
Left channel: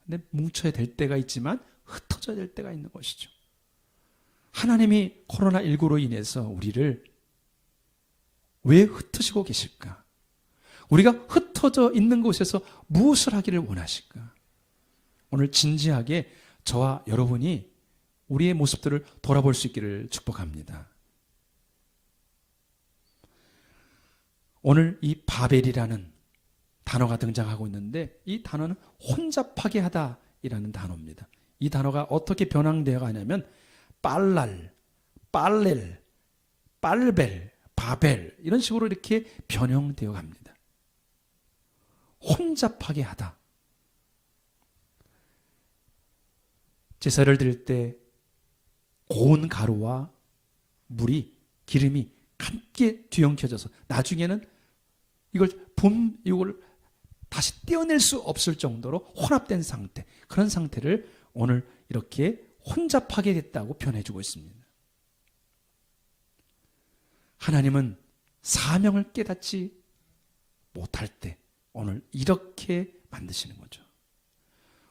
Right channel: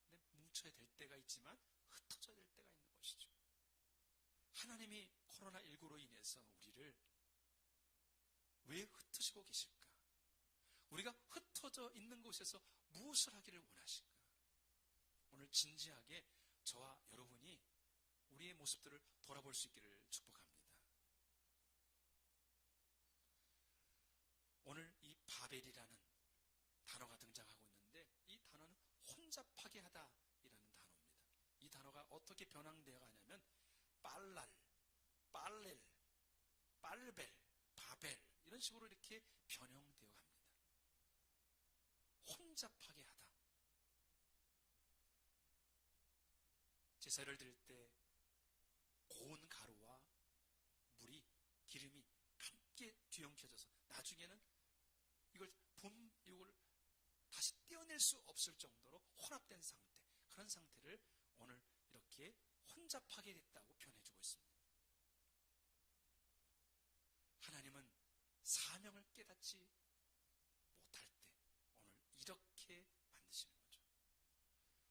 근데 뭉쳐야 될 때가 있지만 흩어져야 될 때가 있는 것이죠. 하나님이 코로나19로 인해서 우리를 왜 흩으시고 계실까? 우리가 흩어져 있는 곳에서 무엇을 하기를 원하실까? 오늘 진지하게 저와 여러분이 우리의 모습들을 돌아볼 수 있기를 축복합니다. 오늘 이 바벨이라는 단어가 등장하고 있는데 이 단어는 혼잡하게 하다이라는 단어입니다. 이 단어가 어떻게 변형되어 가냐면 빨랄, 빨렐, 빨벨, 바벨 이런 식으로 이렇게 변형되어 갑니다. 혼잡하게 하다. 제사를 드릴 때 고운 가루와 물이 기름이 함께 뒤엉켜져서 나중에는 이걸 다시 떼어낼 수 없을 정도로 혼합된 상태, 그런 상태를 오늘 이렇게 혼잡하게 됐다고 표현해주고 있습니다. 하나님은 사명을 깨닫지 못할 때 오늘 이렇게 만드시는 거죠.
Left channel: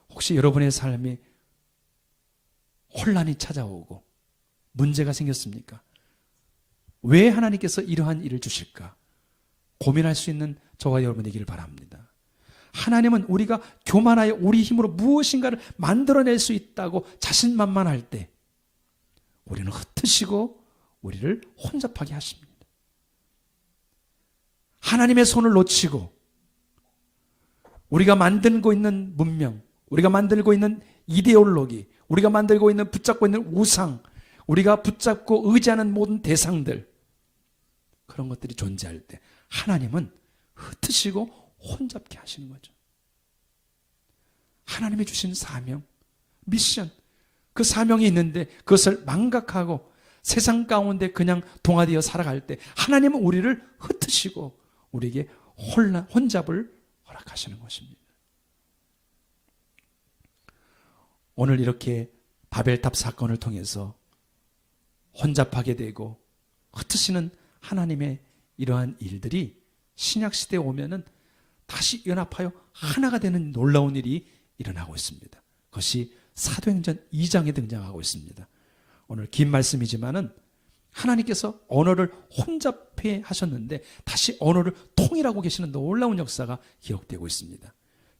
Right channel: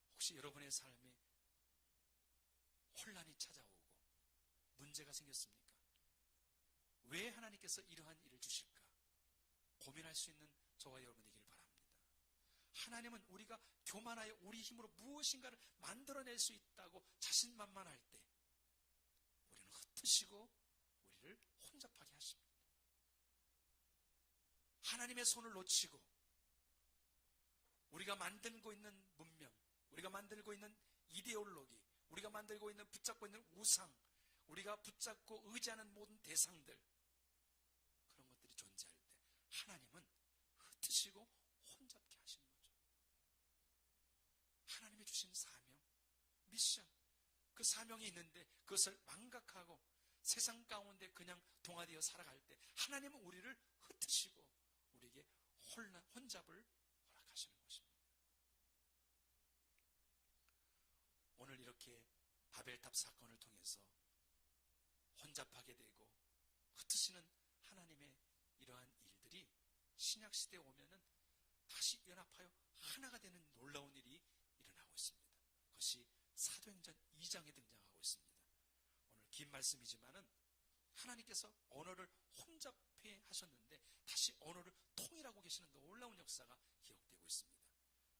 혹시 여러분의 삶에 혼란이 찾아오고 문제가 생겼습니까? 왜 하나님께서 이러한 일을 주실까? 고민할 수 있는 저와 여러분 되기를 바랍니다. 하나님은 우리가 교만하여 우리 힘으로 무엇인가를 만들어낼 수 있다고 자신만만할 때 우리는 흩으시고 우리를 혼잡하게 하십니다. 하나님의 손을 놓치고 우리가 만들고 있는 문명, 우리가 만들고 있는 이데올로기, 우리가 만들고 있는 붙잡고 있는 우상, 우리가 붙잡고 의지하는 모든 대상들, 그런 것들이 존재할 때 하나님은 흩으시고 혼잡게 하시는 거죠. 하나님이 주신 사명, 미션, 그 사명이 있는데 그것을 망각하고 세상 가운데 그냥 동화되어 살아갈 때 하나님은 우리를 흩으시고 우리에게 혼잡을 허락하시는 것입니다. 오늘 이렇게 바벨탑 사건을 통해서 혼잡하게 되고 흩으시는 하나님의 이러한 일들이 신약시대에 오면은 다시 연합하여 하나가 되는 놀라운 일이 일어나고 있습니다. 그것이 사도행전 2장에 등장하고 있습니다. 오늘 긴 말씀이지만은 하나님께서 언어를 혼잡해 하셨는데 다시 언어를 통일하고 계시는 놀라운 역사가 기록되고 있습니다.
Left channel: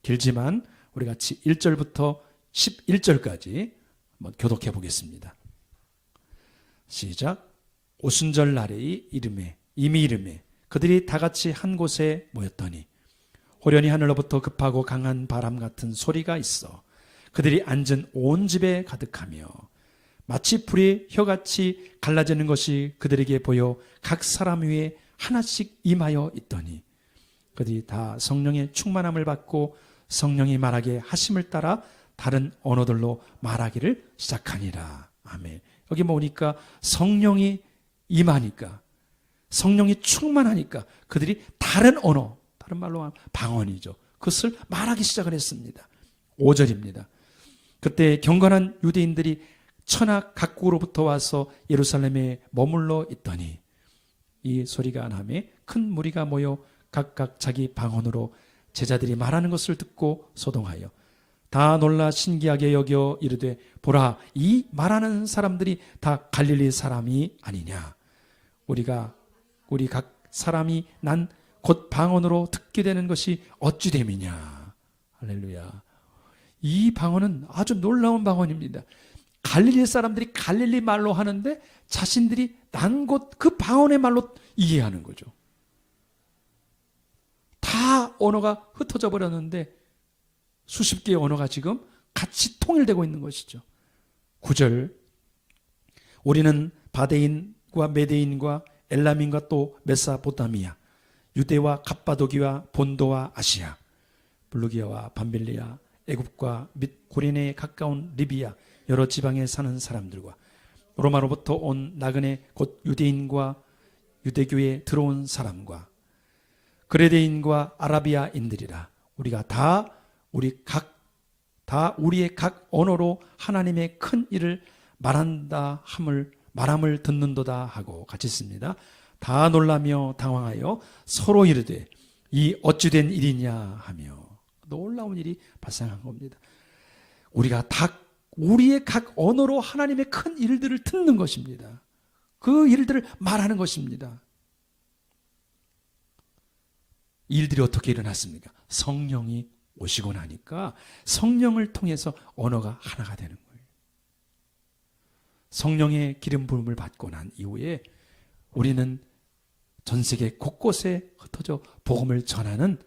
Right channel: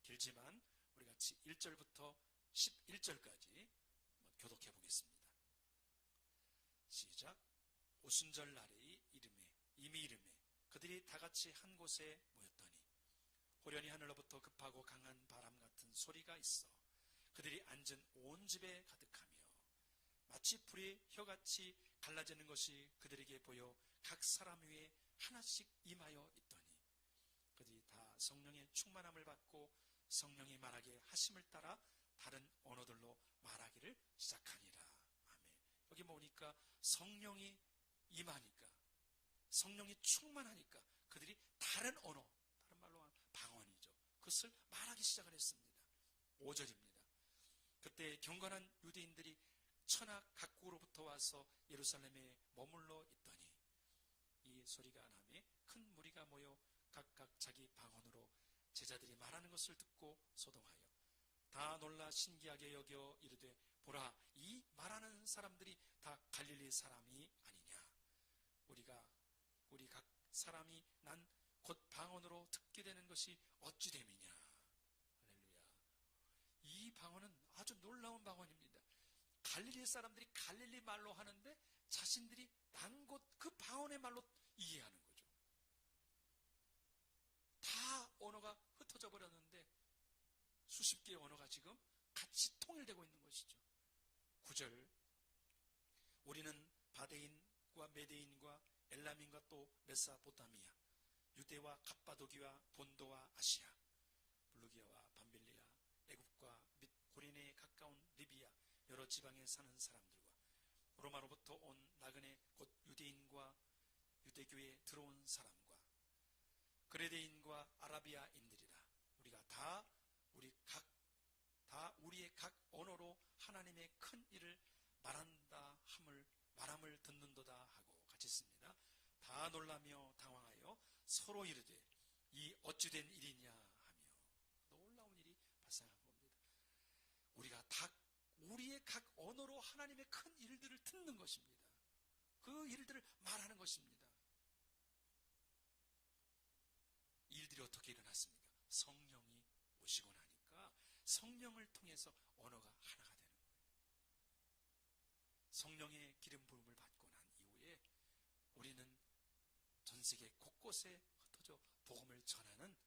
길지만 우리 같이 1절부터 11절까지 한번 교독해 보겠습니다. 시작. 오순절 날의 이미 이름에 그들이 다 같이 한 곳에 모였더니 호련히 하늘로부터 급하고 강한 바람 같은 소리가 있어 그들이 앉은 온 집에 가득하며 마치 불이 혀같이 갈라지는 것이 그들에게 보여 각 사람 위에 하나씩 임하여 있더니 그들이 다 성령의 충만함을 받고 성령이 말하게 하심을 따라 다른 언어들로 말하기를 시작하니라. 아멘. 여기 보니까 성령이 임하니까, 성령이 충만하니까 그들이 다른 언어, 다른 말로 하면 방언이죠. 그것을 말하기 시작을 했습니다. 5절입니다. 그때 경건한 유대인들이 천하 각국으로부터 와서 예루살렘에 머물러 있더니 이 소리가 나매 큰 무리가 모여 각각 자기 방언으로 제자들이 말하는 것을 듣고 소동하여 다 놀라 신기하게 여겨 이르되 보라, 이 말하는 사람들이 다 갈릴리 사람이 아니냐. 우리 각 사람이 난 곧 방언으로 듣게 되는 것이 어찌 됨이냐. 할렐루야. 이 방언은 아주 놀라운 방언입니다. 갈릴리 사람들이 갈릴리 말로 하는데 자신들이 난 곧 그 방언의 말로 이해하는 거죠. 다 언어가 흩어져 버렸는데 수십 개의 언어가 지금 같이 통일되고 있는 것이죠. 9절. 우리는 바데인과 메데인과 엘람인과 또 메사포타미아, 유대와 갑바도기와 본도와 아시아, 블루기아와 밤빌리아, 애굽과 및 고린에 가까운 리비아 여러 지방에 사는 사람들과 로마로부터 온 나그네 곧 유대인과 유대교에 들어온 사람과 그레데인과 아라비아인들이라. 우리가 다 우리의 각 언어로 하나님의 큰 일을 말함을 듣는도다 하고 같이 씁니다. 다 놀라며 당황하여 서로 이르되 이 어찌 된 일이냐 하며 놀라운 일이 발생한 겁니다. 우리가 우리의 각 언어로 하나님의 큰 일들을 듣는 것입니다. 그 일들을 말하는 것입니다. 이 일들이 어떻게 일어났습니까? 성령이 오시고 나니까 성령을 통해서 언어가 하나가 되는 거예요. 성령의 기름 부음을 받고 난 이후에 우리는 전 세계 곳곳에 흩어져 복음을 전하는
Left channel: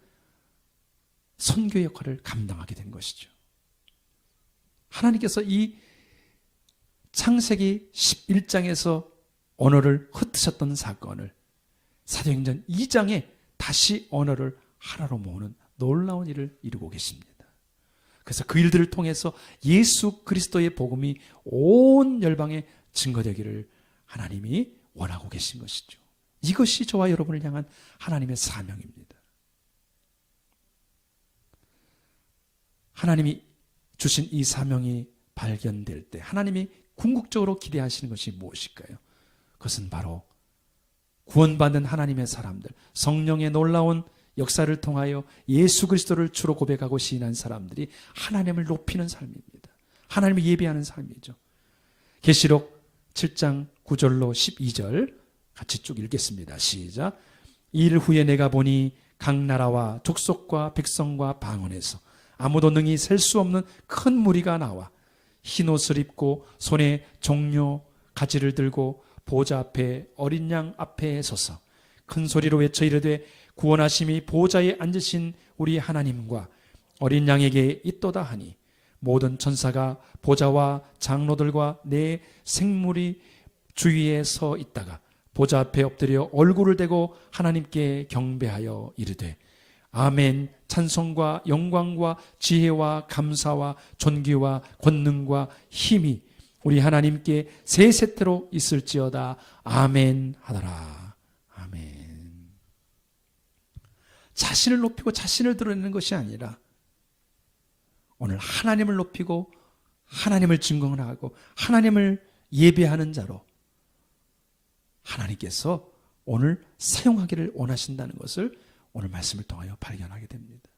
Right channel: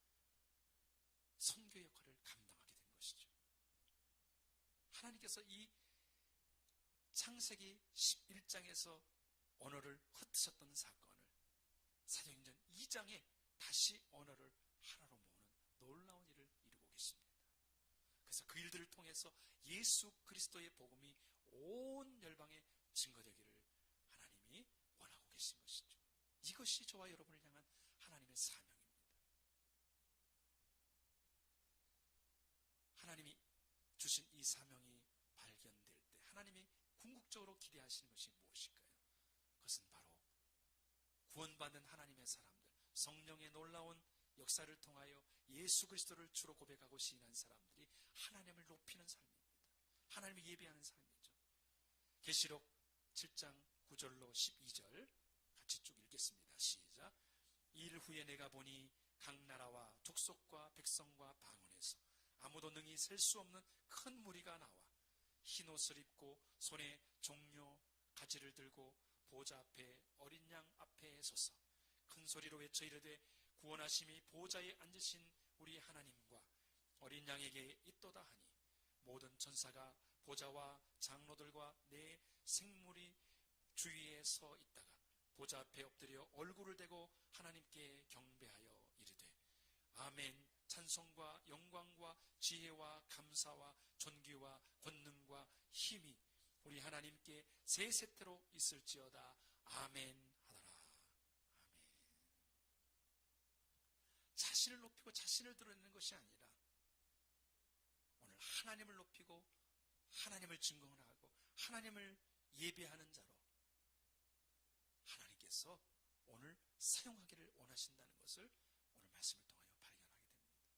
선교 역할을 감당하게 된 것이죠. 하나님께서 이 창세기 11장에서 언어를 흩으셨던 사건을 사도행전 2장에 다시 언어를 하나로 모으는 놀라운 일을 이루고 계십니다. 그래서 그 일들을 통해서 예수 그리스도의 복음이 온 열방에 증거되기를 하나님이 원하고 계신 것이죠. 이것이 저와 여러분을 향한 하나님의 사명입니다. 하나님이 주신 이 사명이 발견될 때 하나님이 궁극적으로 기대하시는 것이 무엇일까요? 그것은 바로 구원받는 하나님의 사람들, 성령의 놀라운 역사를 통하여 예수 그리스도를 주로 고백하고 시인한 사람들이 하나님을 높이는 삶입니다. 하나님을 예배하는 삶이죠. 계시록 7장 9절로 12절 같이 쭉 읽겠습니다. 시작. 이일 후에 내가 보니 각 나라와 족속과 백성과 방언에서 아무도 능히 셀 수 없는 큰 무리가 나와 흰 옷을 입고 손에 종려 가지를 들고 보좌 앞에 어린 양 앞에 서서 큰 소리로 외쳐 이르되 구원하심이 보좌에 앉으신 우리 하나님과 어린 양에게 있도다 하니 모든 천사가 보좌와 장로들과 내 생물이 주위에 서 있다가 보좌 앞에 엎드려 얼굴을 대고 하나님께 경배하여 이르되 아멘. 찬송과 영광과 지혜와 감사와 존귀와 권능과 힘이 우리 하나님께 세세토록 있을지어다. 아멘 하더라. 아멘. 자신을 높이고 자신을 드러내는 것이 아니라 오늘 하나님을 높이고 하나님을 증거하고 하나님을 예배하는 자로 하나님께서 오늘 사용하기를 원하신다는 것을 오늘 말씀을 통하여 발견하게 됩니다.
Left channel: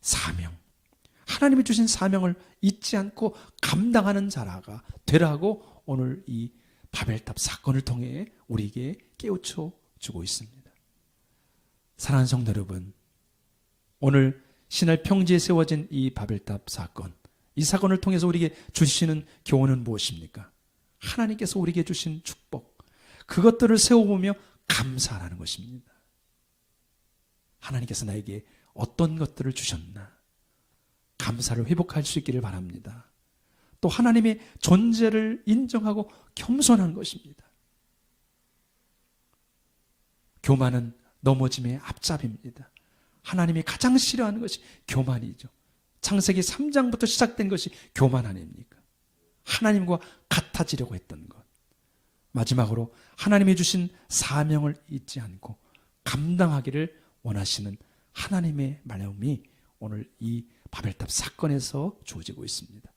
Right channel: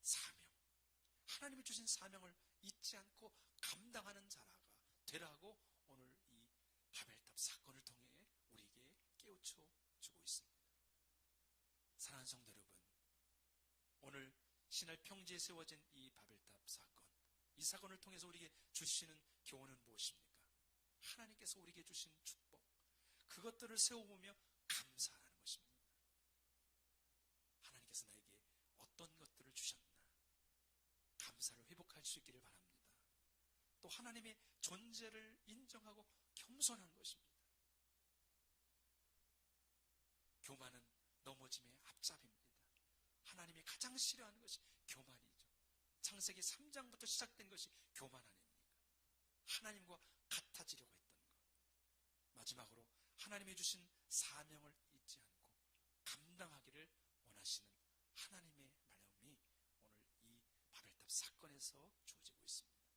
사명. 하나님이 주신 사명을 잊지 않고 감당하는 자라가 되라고 오늘 이 바벨탑 사건을 통해 우리에게 깨우쳐 주고 있습니다. 사랑하는 성도 여러분, 오늘 신할 평지에 세워진 이 바벨탑 사건, 이 사건을 통해서 우리에게 주시는 교훈은 무엇입니까? 하나님께서 우리에게 주신 축복, 그것들을 세워보며 감사하는 것입니다. 하나님께서 나에게 어떤 것들을 주셨나, 감사를 회복할 수 있기를 바랍니다. 또 하나님의 존재를 인정하고 겸손한 것입니다. 교만은 넘어짐의 앞잡이입니다. 하나님이 가장 싫어하는 것이 교만이죠. 창세기 3장부터 시작된 것이 교만 아닙니까? 하나님과 같아지려고 했던 것. 마지막으로 하나님이 주신 사명을 잊지 않고 감당하기를 원하시는 하나님의 마음이 오늘 이 바벨탑 사건에서 주어지고 있습니다.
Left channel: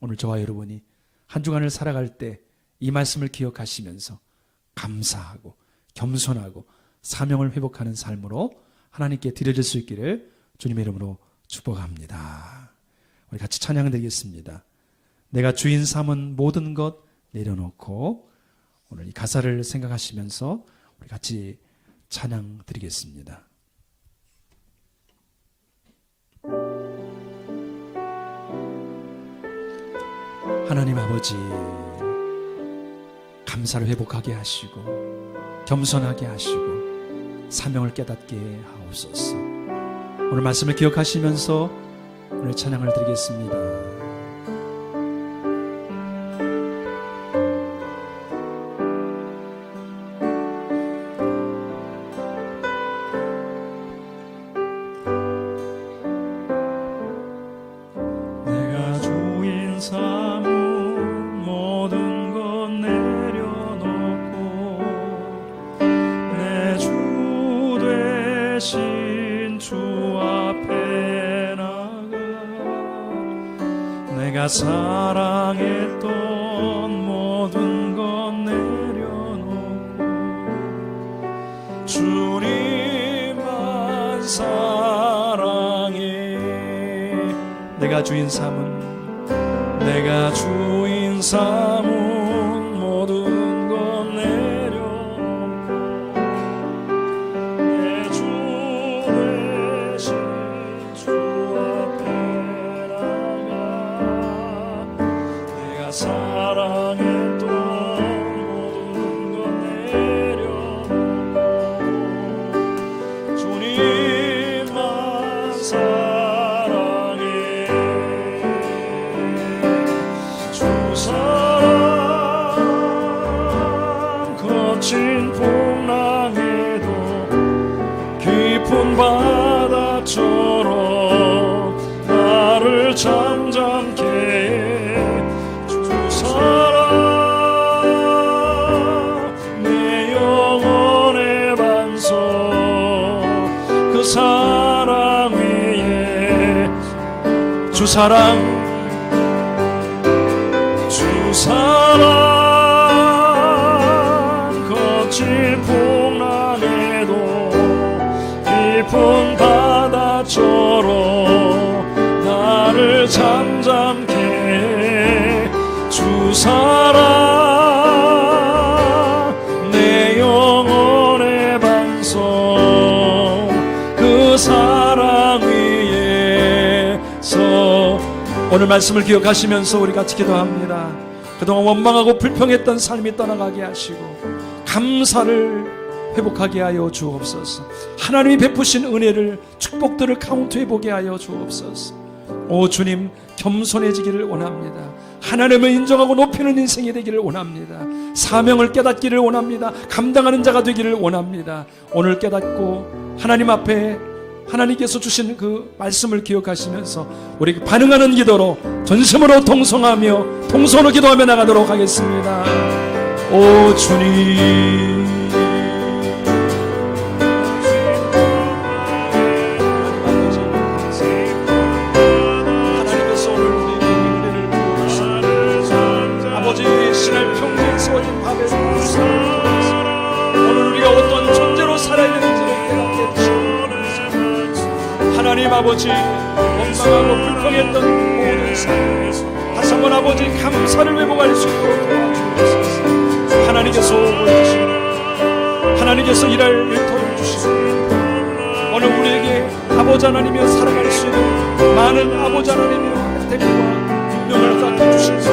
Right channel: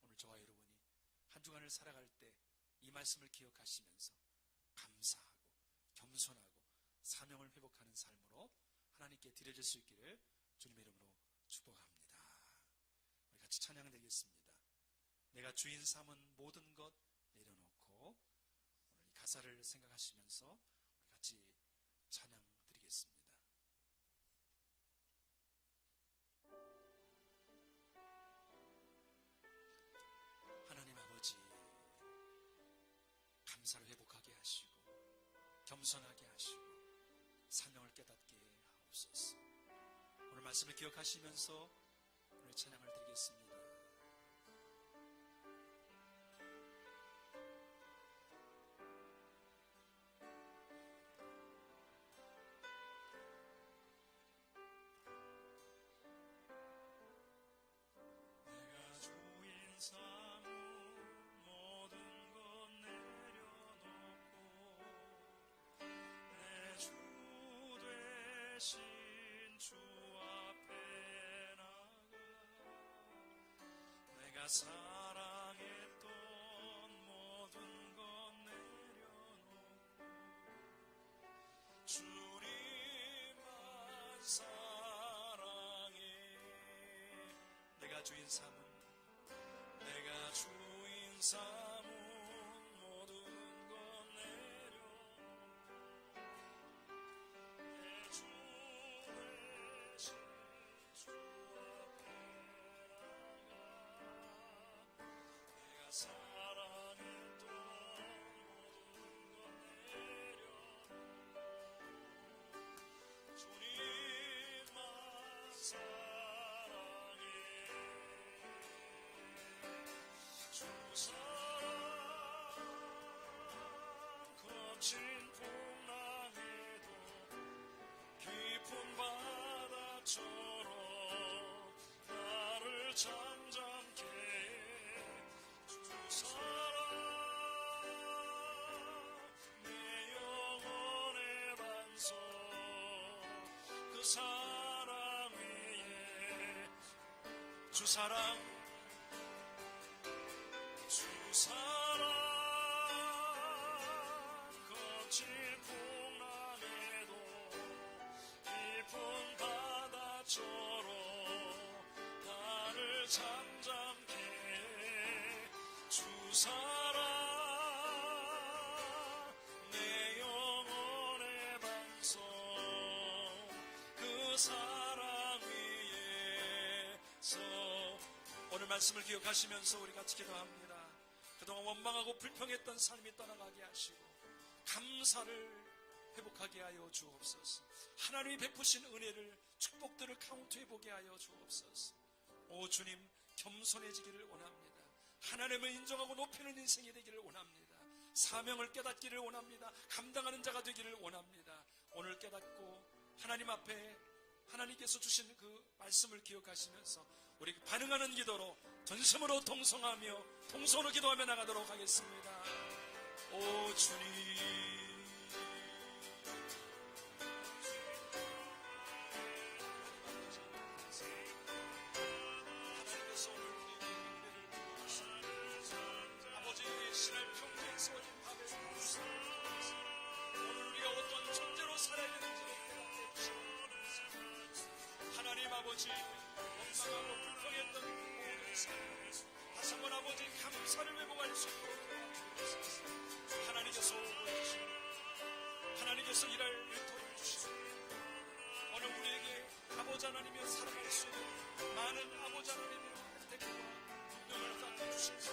오늘 저와 여러분이 한 주간을 살아갈 때 이 말씀을 기억하시면서 감사하고 겸손하고 사명을 회복하는 삶으로 하나님께 드려질 수 있기를 주님의 이름으로 축복합니다. 우리 같이 찬양 드리겠습니다. 내가 주인 삼은 모든 것 내려놓고, 오늘 이 가사를 생각하시면서 우리 같이 찬양 드리겠습니다. 하나님 아버지, 감사를 회복하게 하시고 겸손하게 하시고 사명을 깨닫게 하옵소서. 오늘 말씀을 기억하시면서 오늘 찬양을 드리겠습니다. 내가 주인 삼은 모든 것 내려놓고 내 주 대신 주 앞에 나가 내가 사랑했던 모든 것 내려놓고 주님만 사랑해. 내가 주인 삼은 내가 주인 삼은 모든 것 내려놓고 내 주 대신 주 앞에 나가 내가 사랑했던 모든 것 내려놓고 주님만 사랑해. 주 사랑 거친 풍랑에도 깊은 바다처럼 나를 잠잠케 해. 주 사랑 내 영혼의 반석 그 사랑 위에 주 사랑 주 사랑 거친 풍랑에도 깊은 바다처럼 나를 잠잠케 해. 주 사랑 내 영혼의 반석 그 사랑 위에서. 오늘 말씀을 기억하시면서 우리 같이 기도합니다. 그동안 원망하고 불평했던 삶이 떠나가게 하시고 감사를 회복하게 하여 주옵소서. 하나님이 베푸신 은혜를, 축복들을 카운트해보게 하여 주옵소서. 오 주님, 겸손해지기를 원합니다. 하나님을 인정하고 높이는 인생이 되기를 원합니다. 사명을 깨닫기를 원합니다. 감당하는 자가 되기를 원합니다. 오늘 깨닫고 하나님 앞에 하나님께서 주신 그 말씀을 기억하시면서 우리 반응하는 기도로 전심으로 동성하며 동서로 기도하며 나가도록 하겠습니다. 오 주님, 하나님께서 오늘 우리에게 은혜를 부어주셨습니다. 아버지, 신할 평생 세워진 밥에서 오늘 우리가 어떤 존재로 살아야 되는지를 깨닫게 해주시옵소서. 하나님 아버지, 원망하고 불평했던 모든 삶 다시 한번 아버지 감사를 회복할 수 있도록 도와주옵소서. 하나님께서 보여주시고 하나님께서 일할 일터를 주시고 오늘 우리에게 아버지 하나님이여 살아갈 수 있는 많은 아버지 하나님의 혜택과 능력을 갖게 주시옵소서.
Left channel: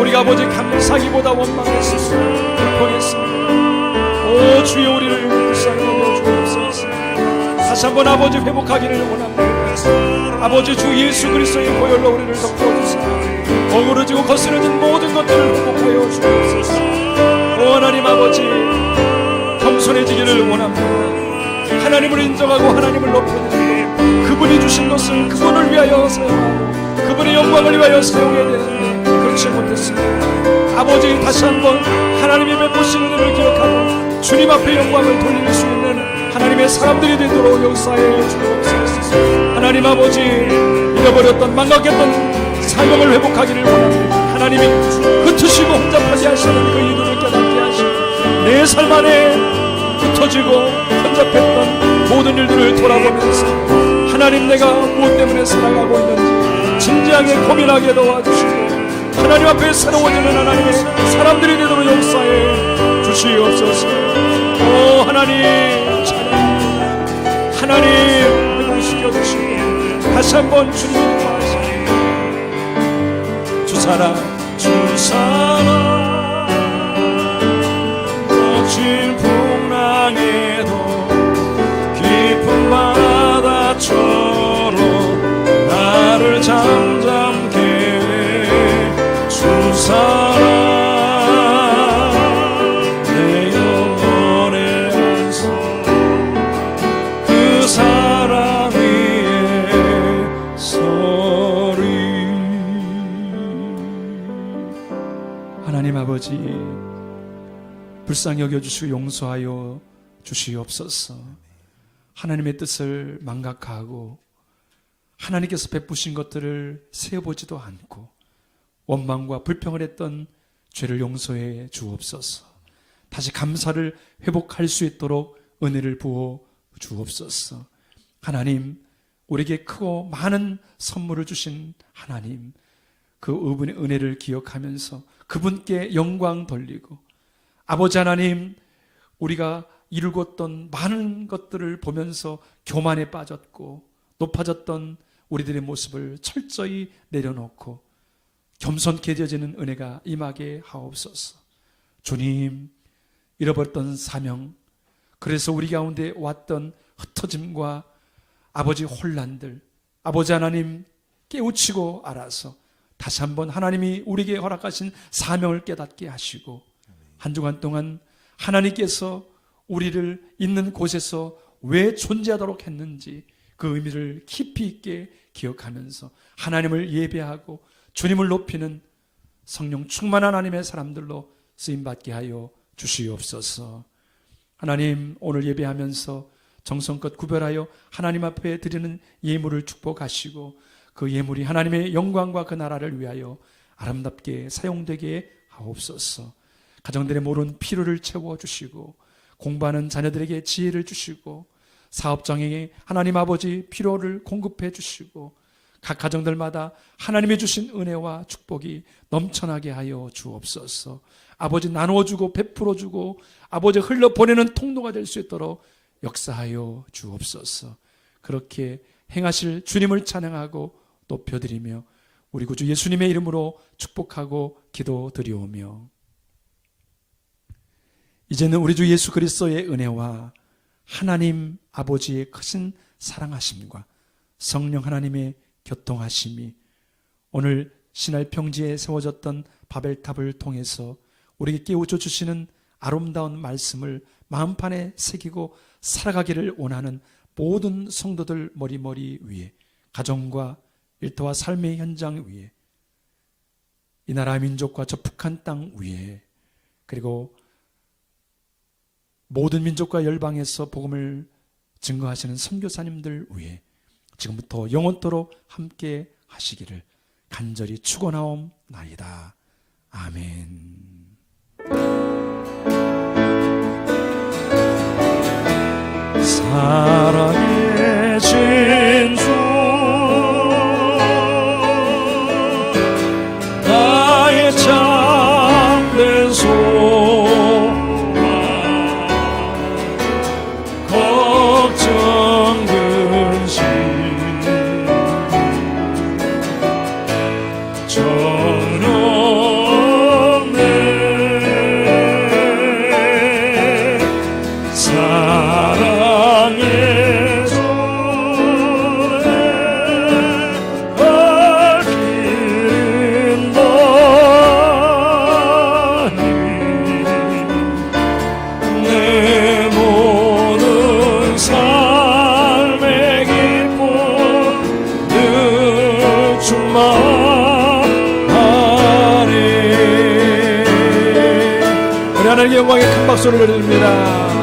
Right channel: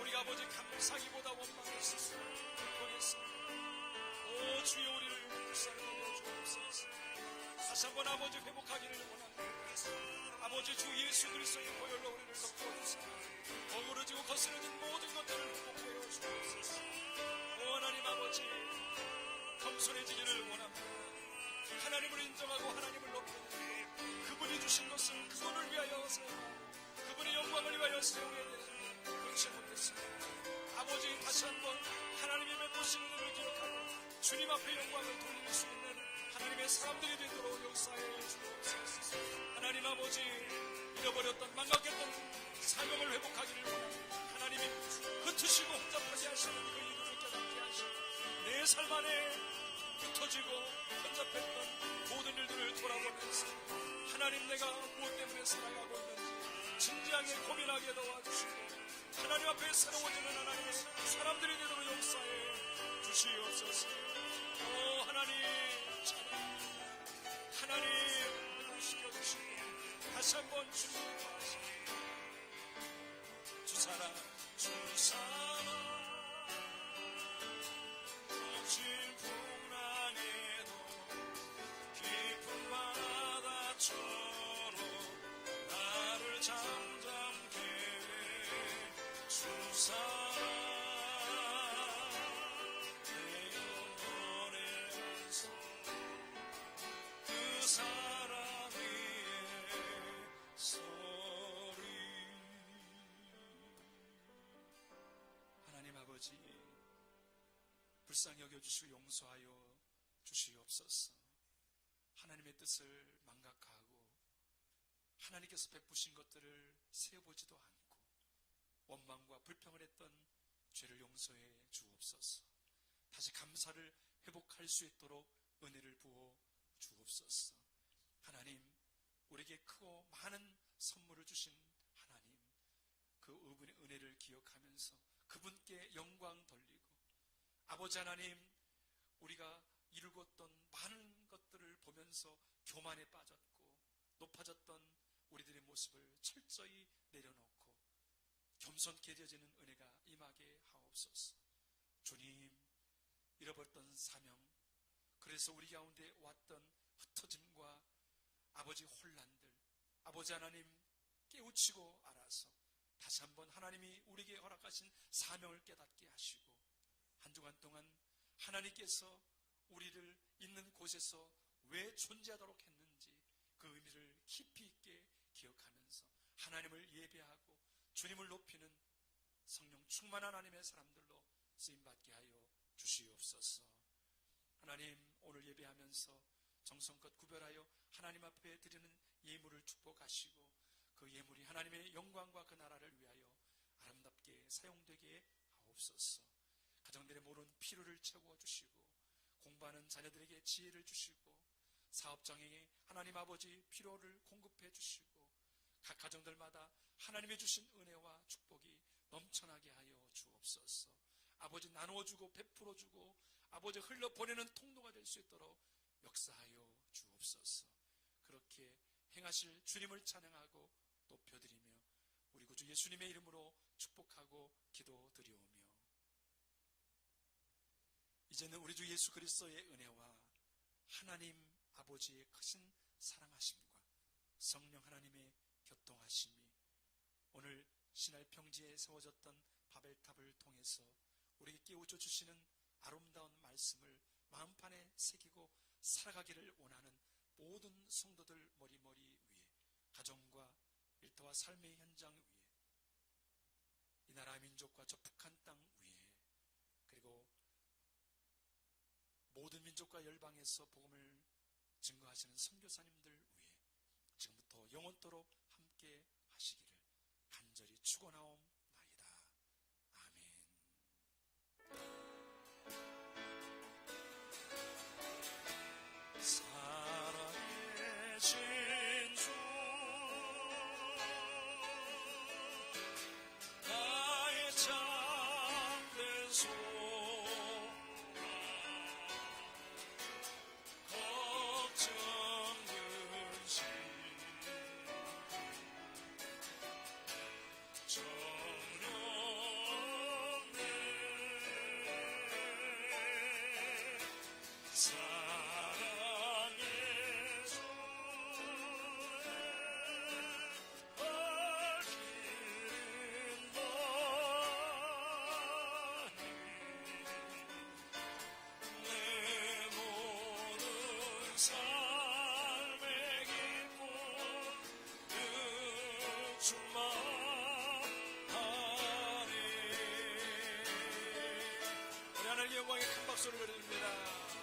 우리가 아버지 감사기보다 원망했습니다. 불평했습니다. 오 주여 우리를 불쌍히 여겨 주옵소서. 다시 한번 아버지 회복하기를 원합니다. 아버지 주 예수 그리스도의 보혈로 우리를 덮어주시고 어그러지고 거스러진 모든 것들을 회복하여 주옵소서. 오 하나님 아버지 겸손해지기를 원합니다. 하나님을 인정하고 하나님을 높여드리고 그분이 주신 것을 그분을 위하여 사용하고 그분의 영광을 위하여 사용해야 되는데 그렇지 못했습니다. 아버지 다시 한번 하나님의 베푸신 은혜를 기억하고 주님 앞에 영광을 돌릴 수 있는 하나님의 사람들이 되도록 역사해 주옵소서. 하나님 아버지 잃어버렸던 망각했던 사명을 회복하기를 원합니다. 하나님이 흩으시고 혼잡하게 하시는 그 이유를 깨닫게 하시고 내 삶 안에 흩어지고 혼잡했던 모든 일들을 돌아보면서 하나님 내가 무엇 때문에 살아가고 있는지 진지하게 고민하게 도와주시고 하나님 앞에 새로워지는 하나님의 사람들이 되도록 역사해 주시옵소서. 오 하나님 찬양합니다. 하나님 회복시켜 주시고 다시 한번 주님을 인도하시고 주사랑 거친 풍랑에도 깊은 바다처럼 나를 잠잠케 해 주사랑 내 영혼의 안소 그 사랑 위에 서리. 하나님 아버지 불쌍히 여겨주시고 용서하여 주시옵소서. 하나님의 뜻을 망각하고 하나님께서 베푸신 것들을 세어보지도 않고 원망과 불평을 했던 죄를 용서해 주옵소서. 다시 감사를 회복할 수 있도록 은혜를 부어 주옵소서. 하나님 우리에게 크고 많은 선물을 주신 하나님 그 그분의 은혜를 기억하면서 그분께 영광 돌리고 아버지 하나님 우리가 이루었던 많은 것들을 보면서 교만에 빠졌고 높아졌던 우리들의 모습을 철저히 내려놓고 겸손케 되어지는 은혜가 임하게 하옵소서. 주님 잃어버렸던 사명 그래서 우리 가운데 왔던 흩어짐과 아버지 혼란들 아버지 하나님 깨우치고 알아서 다시 한번 하나님이 우리에게 허락하신 사명을 깨닫게 하시고 한 주간 동안 하나님께서 우리를 있는 곳에서 왜 존재하도록 했는지 그 의미를 깊이 있게 기억하면서 하나님을 예배하고 주님을 높이는 성령 충만한 하나님의 사람들로 쓰임받게 하여 주시옵소서. 하나님 오늘 예배하면서 정성껏 구별하여 하나님 앞에 드리는 예물을 축복하시고 그 예물이 하나님의 영광과 그 나라를 위하여 아름답게 사용되게 하옵소서. 가정들의 모든 필요를 채워주시고 공부하는 자녀들에게 지혜를 주시고 사업장에게 하나님 아버지 필요를 공급해 주시고 각 가정들마다 하나님이 주신 은혜와 축복이 넘쳐나게 하여 주옵소서. 아버지 나누어주고 베풀어주고 아버지 흘러보내는 통로가 될 수 있도록 역사하여 주옵소서. 그렇게 행하실 주님을 찬양하고 높여드리며 우리 구주 예수님의 이름으로 축복하고 기도드리오며 이제는 우리 주 예수 그리스도의 은혜와 하나님 아버지의 크신 사랑하심과 성령 하나님의 교통하심이 오늘 신할 평지에 세워졌던 바벨탑을 통해서 우리에게 깨우쳐 주시는 아름다운 말씀을 마음판에 새기고 살아가기를 원하는 모든 성도들 머리머리 위에 가정과 일터와 삶의 현장 위에 이 나라 민족과 저 북한 땅 위에 그리고 모든 민족과 열방에서 복음을 증거하시는 선교사님들 위해 지금부터 영원토록 함께 하시기를 간절히 축원하옵나이다. 아멘. 사랑의 진주 나의 참된 소망 걱정 근심 전혀 하나님께 영광의 큰 박수를 드립니다.